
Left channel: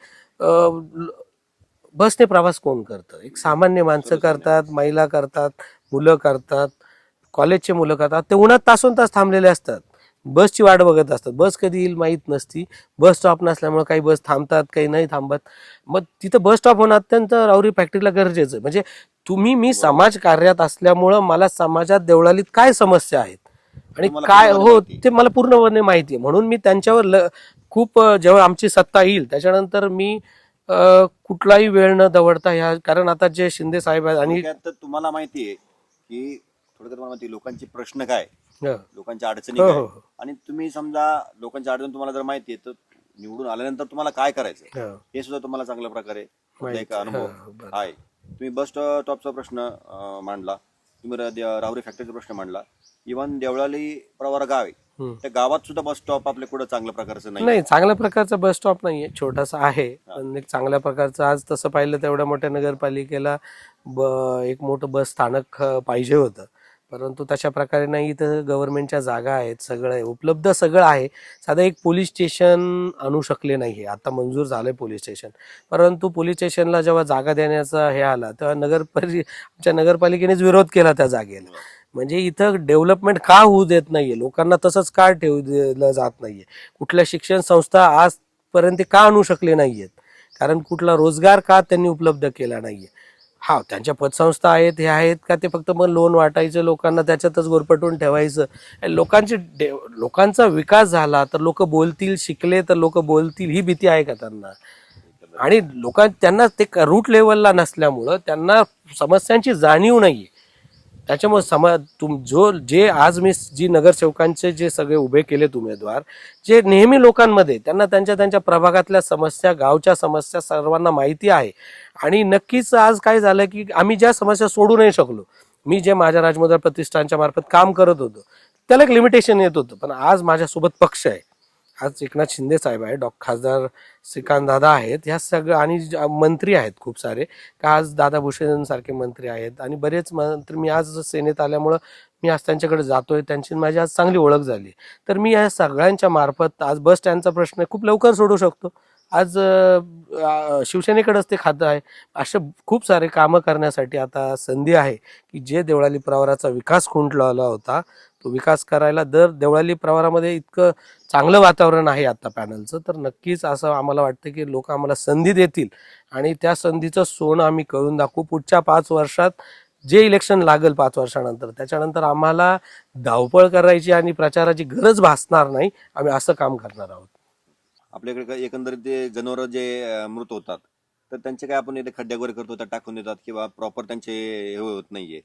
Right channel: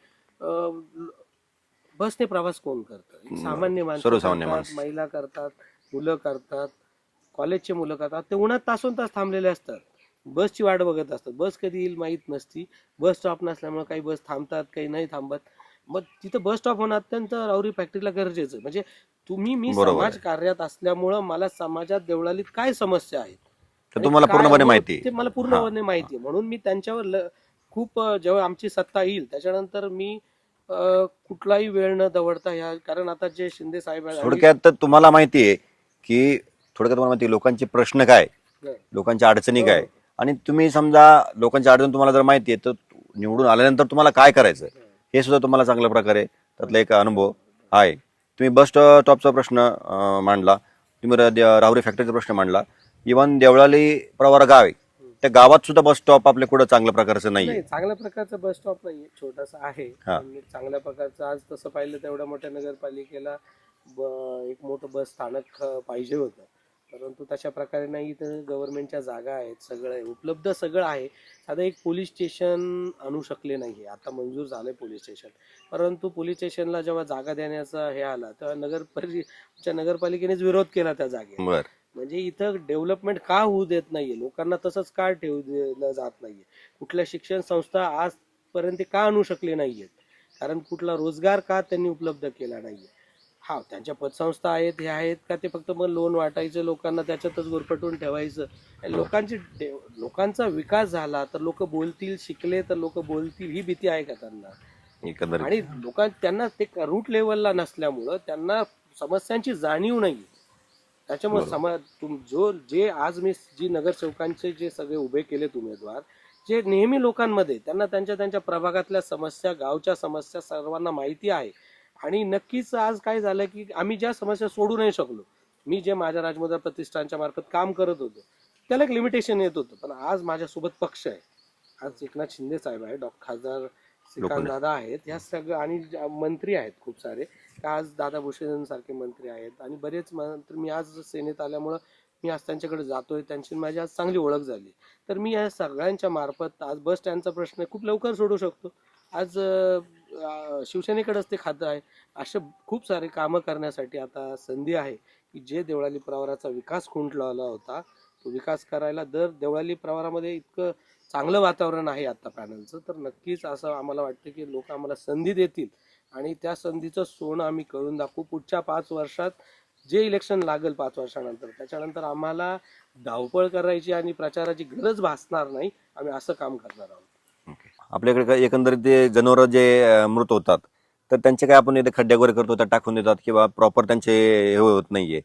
बसने प्रवास कोण करतं? एक सामान्य माणसं सर्वसामान्य करतात, माणसं. महिला करतात, मुलं करतात, कॉलेजचे मुलं करतात. ते उन्हात तासोन तास थांबलेले असतात, बसची वाट बघत असतात. बस कधी येईल माहीत नसती. बस स्टॉप नसल्यामुळे काही बस थांबतात, काही नाही थांबत. मग तिथं बस स्टॉप होणं अत्यंत राहुरी फॅक्टरीला गरजेचं आहे. म्हणजे मी समाज कार्यात असल्यामुळं मला समाजात देवळालीत काय समस्या आहेत आणि तुम्हाला काय पूर्णपणे हो माहिती आहे. ते मला पूर्णपणे माहिती आहे. म्हणून मी त्यांच्यावर खूप जेव्हा आमची सत्ता येईल त्याच्यानंतर मी कुठलाही वेळ न दवडता ह्या, कारण आता जे शिंदे साहेब आहेत आणि थोडक्यात तर तुम्हाला माहिती आहे की तुम्हाला माहिती आहे लोकांचे प्रश्न काय, हं. लोकांच्या अडचणी हो, काय, हो, हो. आणि तुम्ही समजा लोकांच्या अडचणी तुम्हाला जर माहिती आहे तर निवडून आल्यानंतर तुम्हाला काय करायचं हं. हे सुद्धा तुम्हाला चांगल्या प्रकारे त्यातला एक अनुभव बरं. आहे. तुम्ही बस स्टॉपचा प्रश्न मांडला, तुम्ही राहुरी फॅक्टरीचा प्रश्न मांडला, इव्हन देवळाली प्रवरा गाव आहे त्या गावात सुद्धा बस स्टॉप आपल्या कुठं चांगल्या प्रकारचं नाही. नाही, चांगल्या प्रकारचा बस स्टॉप नाहीये, छोटासा आहे. हा. पण एक चांगल्या प्रकारचं, आज तसं पाहिलं तर एवढ्या मोठ्या नगरपालिकेला एक मोठं बस स्थानक पाहिजे होतं, परंतु तशा प्रकारे नाही. इथं गव्हर्नमेंटच्या जागा आहेत, सगळं आहे उपलब्ध, सगळं आहे. साधं एक पोलीस स्टेशन आणू शकले नाही. आता मंजूर झालंय पोलीस स्टेशन, परंतु पोलीस स्टेशनला जेव्हा जागा देण्याचा हे आला तेव्हा आमच्या नगरपालिकेनेच विरोध केला त्या जागेत. बरं. म्हणजे इथं डेव्हलपमेंट का होऊ देत नाहीये, लोकांना तसंच का ठेवू दिलं जात नाहीये, कुठल्या शिक्षण संस्था आजपर्यंत का आणू शकले नाहीयेत, कारण कुठला रोजगार का त्यांनी उपलब्ध केला नाहीये. हा, त्यांच्या पतसंस्था आहेत, हे आहेत का, ते फक्त मग लोन वाटायचं, लोकांना त्याच्यातच गोरपटून ठेवायचं. लोकांचा विकास झाला तर लोक बोलतील, शिकले तर लोक बोलतील, ही भीती आहे का त्यांना? एकंदरीत आणि त्यांना ते रूट लेवलला नसल्यामुळं त्यांना समस्यांची जाणीव नाहीये. त्याच्यामुळे जे आज मी जी नगरसेवकांचे जे सगळे उभे केलेत उमेदवार, जे नेहमी लोकांमध्ये त्यांना त्यांच्या प्रभागातल्या समस्या, गावच्या समस्या सर्वांना माहिती आहे. आणि नक्कीच आज काय झालं की आम्ही ज्या समस्या सोडू नाही शकलो, मी जे माझ्या राजमुद्रा प्रतिष्ठानच्या मार्फत काम करत होतो त्याला एक लिमिटेशन येत होतं, पण आज माझ्यासोबत पक्ष आहे. आज एकनाथ शिंदे साहेब आहे, खासदार श्रीकांत दादा आहेत, ह्या सगळं, आणि मंत्री आहेत खूप सारे, का आज दादा भुसे सारखे मंत्री आहेत आणि बरेच मंत्री. मी आज सेनेत आल्यामुळं मी आज त्यांच्याकडे जातोय, त्यांची माझी आज चांगली ओळख झाली. तर मी या सगळ्यांच्या मार्फत आज बस स्टँडचा प्रश्न खूप लवकर सोडू शकतो. आज शिवसेनेकडेच ते खातं आहे. असे खूप सारे कामं करण्यासाठी आता संधी आहे की जे देवळाली प्रवराचा विकास खुंटलेला होता तो विकास करायला. दर देवळाली प्रवरामध्ये इतकं चांगलं वातावरण आहे आता पॅनलचं, तर नक्कीच असं आम्हाला वाटतं की लोक आम्हाला संधी देतील आणि त्या संधीचं सोनं आम्ही करून दाखवू. पुढच्या 5 वर्षात जे इलेक्शन लागेल 5 वर्षानंतर, त्याच्यानंतर आम्हाला धावपळ करायची आणि प्रचाराची गरज भासणार नाही. आम्ही असं काम करणार आहोत. आपल्याकडे काय एकंदरीत ते जनावर जे मृत होतात तर त्यांचे काय आपण इथे खड्डे वगैरे करतो त्या टाकून देतात किंवा प्रॉपर त्यांचे हे होत नाहीये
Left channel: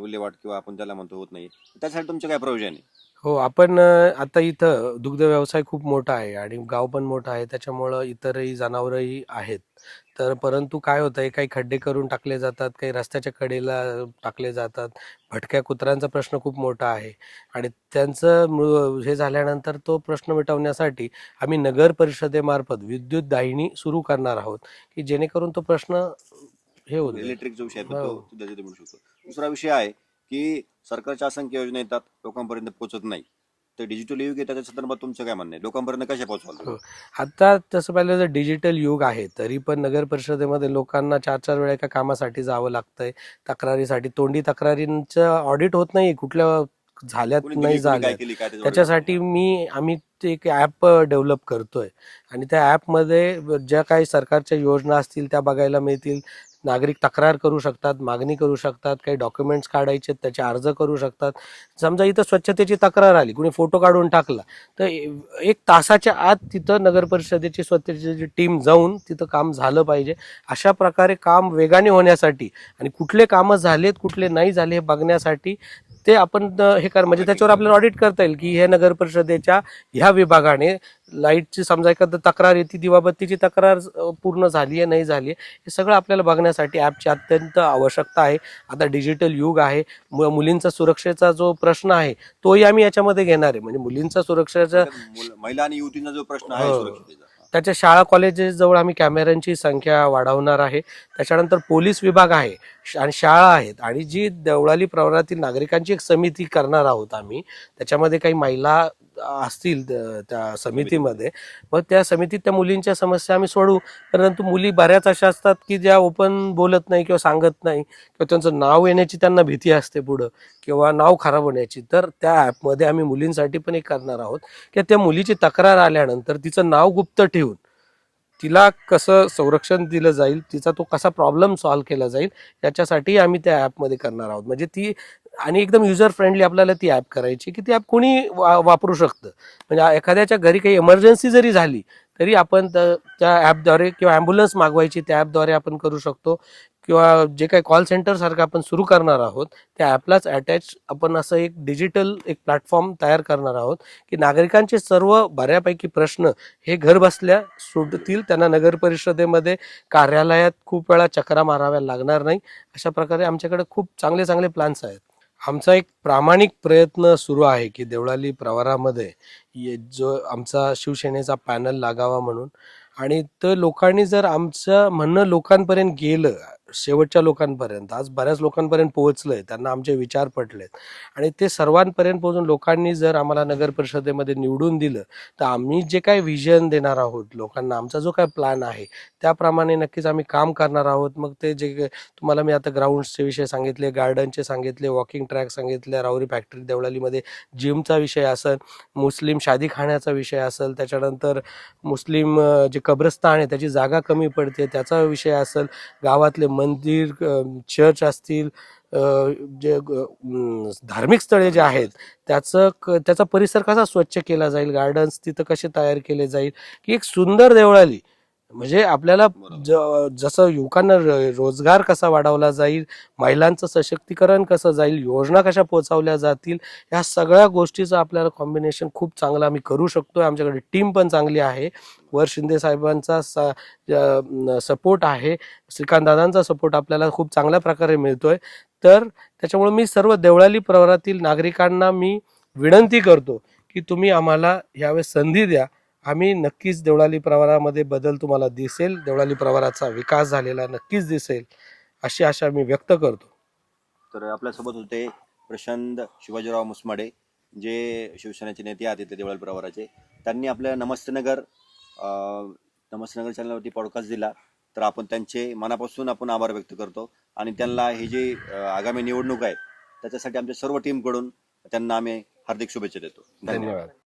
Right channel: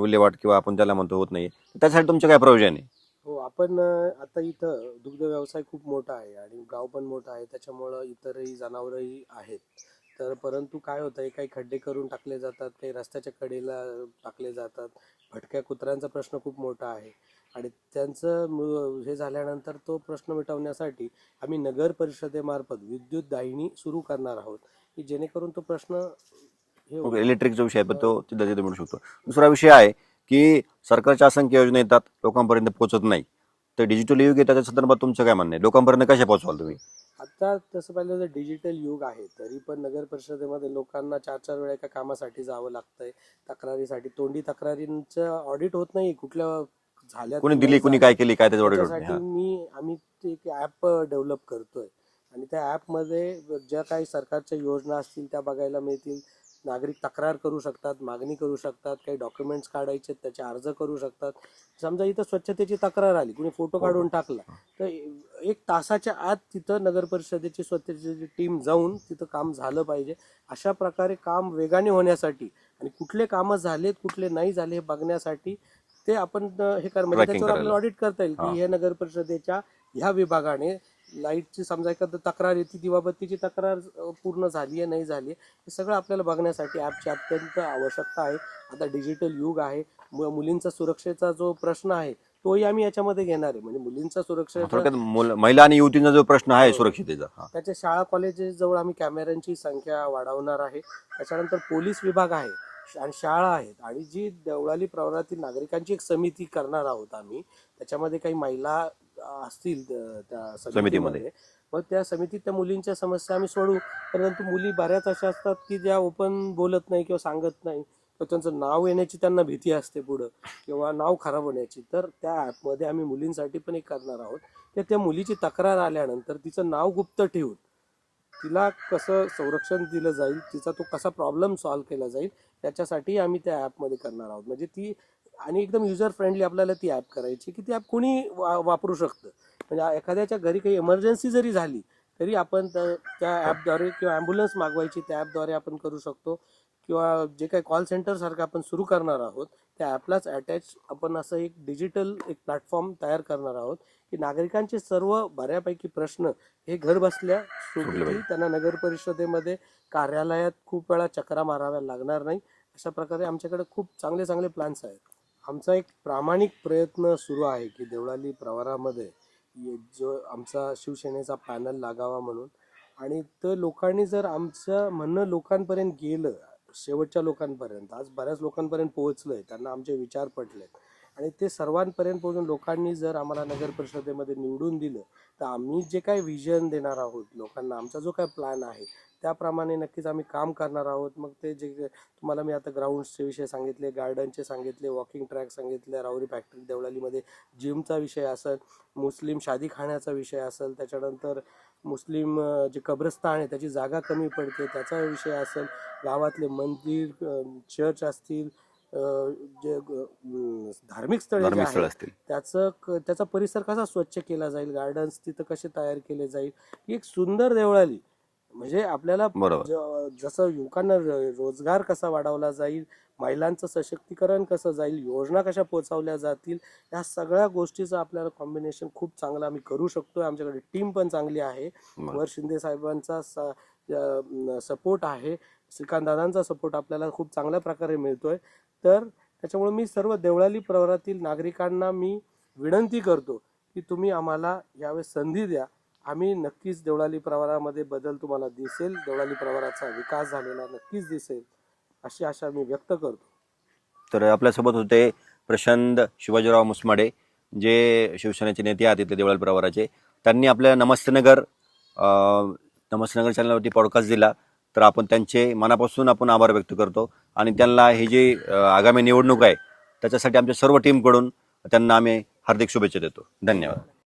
विल्हेवाट किंवा आपण त्याला म्हणतो होत नाहीये, त्यासाठी तुमचं काय प्रयोजन आहे? हो, आपण आता इथं दुग्ध व्यवसाय खूप मोठा आहे आणि गाव पण मोठं आहे, त्याच्यामुळं इतरही जनावरही आहेत. तर परंतु काय होतंय, काही खड्डे करून टाकले जातात, काही रस्त्याच्या कडेला टाकले जातात. भटक्या कुत्र्यांचा प्रश्न खूप मोठा आहे आणि त्यांचं हे झाल्यानंतर तो प्रश्न मिटवण्यासाठी आम्ही नगर परिषदेमार्फत विद्युत दाहिनी सुरू करणार आहोत, की जेणेकरून तो प्रश्न हे होईल. इलेक्ट्रिकचा विषय आहे पण तो तिथं तिथे मिळू शकतो. दुसरा विषय आहे की सरकारच्या असंख्य योजना येतात लोकांपर्यंत पोहोचत नाही, तर डिजिटल युग आहे त्याच्या संदर्भात तुमचं काय म्हणणं आहे? लोकांपर्यंत कशा पोहोचवाल तुम्ही? आता तसं पाहिलं तर डिजिटल युग आहे, तरी पण नगर परिषदेमध्ये लोकांना 4-4 वेळा एका कामासाठी जावं लागतंय. तक्रारीसाठी तोंडी तक्रारींचं ऑडिट होत नाही, कुठल्या झाल्यात कोणी नाही दिली कोणी काय झाल्यात. केली काय त्याच्यावर त्याच्यासाठी आम्ही ते एक ॲप डेव्हलप करतोय आणि त्या ॲपमध्ये ज्या काही सरकारच्या योजना असतील त्या बघायला मिळतील. नागरिक तक्रार करू शकतात, मागणी करू शकतात, काही डॉक्युमेंट्स काढायचे त्याचे अर्ज करू शकतात. समजा इथं स्वच्छतेची तक्रार आली, कुणी फोटो काढून टाकला, तर 1 तासाच्या आत तिथं नगर परिषदेची स्वच्छतेची टीम जाऊन तिथं काम झालं पाहिजे. अशा प्रकारे काम वेगाने होण्यासाठी आणि कुठले कामं झालेत कुठले नाही झाले हे बघण्यासाठी ते आपण हे कर म्हणजे Tracking त्याच्यावर आपल्याला ऑडिट करता येईल की हे नगर परिषदेच्या ह्या विभागाने लाईटची समजा एखादं तक्रार येते, दिवाबत्तीची तक्रार पूर्ण झाली आहे नाही झाली आहे, हे सगळं आपल्याला बघण्यासाठी ॲपची अत्यंत आवश्यकता आहे. आता डिजिटल युग आहे, मुलींचा सुरक्षेचा जो प्रश्न आहे तोही आम्ही याच्यामध्ये घेणार आहे. म्हणजे मुलींचा सुरक्षेचा थोडक्यात महिला आणि युवतींचा जो प्रश्न आहे हो. सुरक्षितेचा त्याच्या शाळा कॉलेजेस जवळ आम्ही कॅमेऱ्यांची संख्या वाढवणार आहे. त्याच्यानंतर पोलीस विभाग आहे आणि शाळा आहेत आणि जी देवळाली प्रवरातील नागरिकांची एक समिती करणार आहोत आम्ही. त्याच्यामध्ये काही महिला असतील त्या समितीमध्ये. मग त्या समितीत त्या मुलींच्या समस्या आम्ही सोडवू. परंतु मुली बऱ्याच अशा असतात की ज्या ओपन बोलत नाही किंवा सांगत नाही किंवा त्यांचं नाव येण्याची त्यांना भीती असते पुढं किंवा नाव खराब होण्याची. तर त्या ॲपमध्ये आम्ही मुलींसाठी पण एक करणार आहोत की त्या मुलीची तक्रार आल्यानंतर तिचं नाव गुप्त ठेवून तिला कसं संरक्षण दिलं जाईल, तिचा तो कसा प्रॉब्लेम सॉल्व्ह केला जाईल, याच्यासाठी आम्ही त्या ॲपमध्ये करणार आहोत. म्हणजे ती आणि एकदम युजर फ्रेंडली आपल्याला ती ॲप करायची की ती ॲप कोणी वापरू शकतं. म्हणजे एखाद्याच्या घरी काही इमर्जन्सी जरी झाली तरी आपण त्या ॲपद्वारे किंवा ॲम्ब्युलन्स मागवायची त्या ॲपद्वारे आपण करू शकतो किंवा जे काही कॉल सेंटरसारखं आपण सुरू करणार आहोत त्या ॲपलाच अटॅच आपण असं एक डिजिटल एक प्लॅटफॉर्म तयार करणार आहोत की नागरिकांचे सर्व बऱ्यापैकी प्रश्न हे घर बसल्या सुटतील. त्यांना नगर परिषदेमध्ये कार्यालयात खूप वेळा चक्रा माराव्या लागणार नाही. अशा प्रकारे आमच्याकडे खूप चांगले चांगले प्लॅन्स आहेत. आमचा एक प्रामाणिक प्रयत्न सुरू आहे की देवळाली प्रवरामध्ये जो आमचा शिवसेनेचा पॅनल लागावा म्हणून. आणि तर लोकांनी जर आमचं म्हणणं लोकांपर्यंत गेलं, शेवटच्या लोकांपर्यंत, आज बऱ्याच लोकांपर्यंत पोहोचलंय, त्यांना आमचे विचार पटलेत आणि ते सर्वांपर्यंत पोहोचून लोकांनी जर आम्हाला नगर परिषदेमध्ये निवडून दिलं तर आम्ही जे काही व्हिजन देणार आहोत लोकांना, आमचा जो काय प्लॅन आहे त्याप्रमाणे नक्कीच आम्ही काम करणार आहोत. मग ते जे तुम्हाला मी आता ग्राउंड्सचे विषय सांगितले, गार्डनचे सांगितले, वॉकिंग ट्रॅक सांगितले, राहुरी फॅक्टरी देवळालीमध्ये जिमचा विषय असेल, मुस्लिम शादीखान्याचा विषय असेल, त्याच्यानंतर मुस्लिम जे कब्रस्तान आहे त्याची जागा कमी पडते त्याचा विषय असेल, गावातले मंदिर चर्च असतील, जे धार्मिक स्थळे जे आहेत त्याचा परिसर कसा स्वच्छ केला जाईल, गार्डन्स तिथं कसे तयार केले जाईल की एक सुंदर देवळाली म्हणजे आपल्याला जसं युवकांना रोजगार कसा वाढवला जाईल, महिलांचं सशक्तीकरण कसं जाईल, योजना कशा पोहोचवल्या जातील, या सगळ्या गोष्टीचं आपल्याला कॉम्बिनेशन खूप चांगलं आम्ही करू शकतोय. आमच्याकडे टीम पण चांगली आहे. वर शिंदे साहेबांचा सपोर्ट आहे, श्रीकांत दादांचा सपोर्ट आपल्याला खूप चांगल्या प्रकारे मिळतोय. तर त्याच्यामुळे मी सर्व देवळाली प्रवरातील नागरिकांना मी विनंती करतो की तुम्ही आम्हाला यावेळेस संधी द्या. आम्ही नक्कीच देवळाली प्रवरामध्ये बदल तुम्हाला दिसेल, देवळाली प्रवराचा विकास झालेला नक्कीच दिसेल, अशी आशा मी व्यक्त करतो. तर आपल्यासोबत होते प्रशांत शिवाजीराव मुसमाडे, जे शिवसेनेचे नेते आहेत तिथले देवळाली प्रवराचे. त्यांनी आपल्या नमस्ते नगर नमस्ते नगर चॅनलवरती पॉडकास्ट दिला, तर आपण त्यांचे मनापासून आपण आभार व्यक्त करतो आणि त्यांना ही जी आगामी निवडणूक आहे त्याच्यासाठी आमच्या सर्व टीमकडून त्यांना आम्ही हार्दिक शुभेच्छा देतो. धन्यवाद.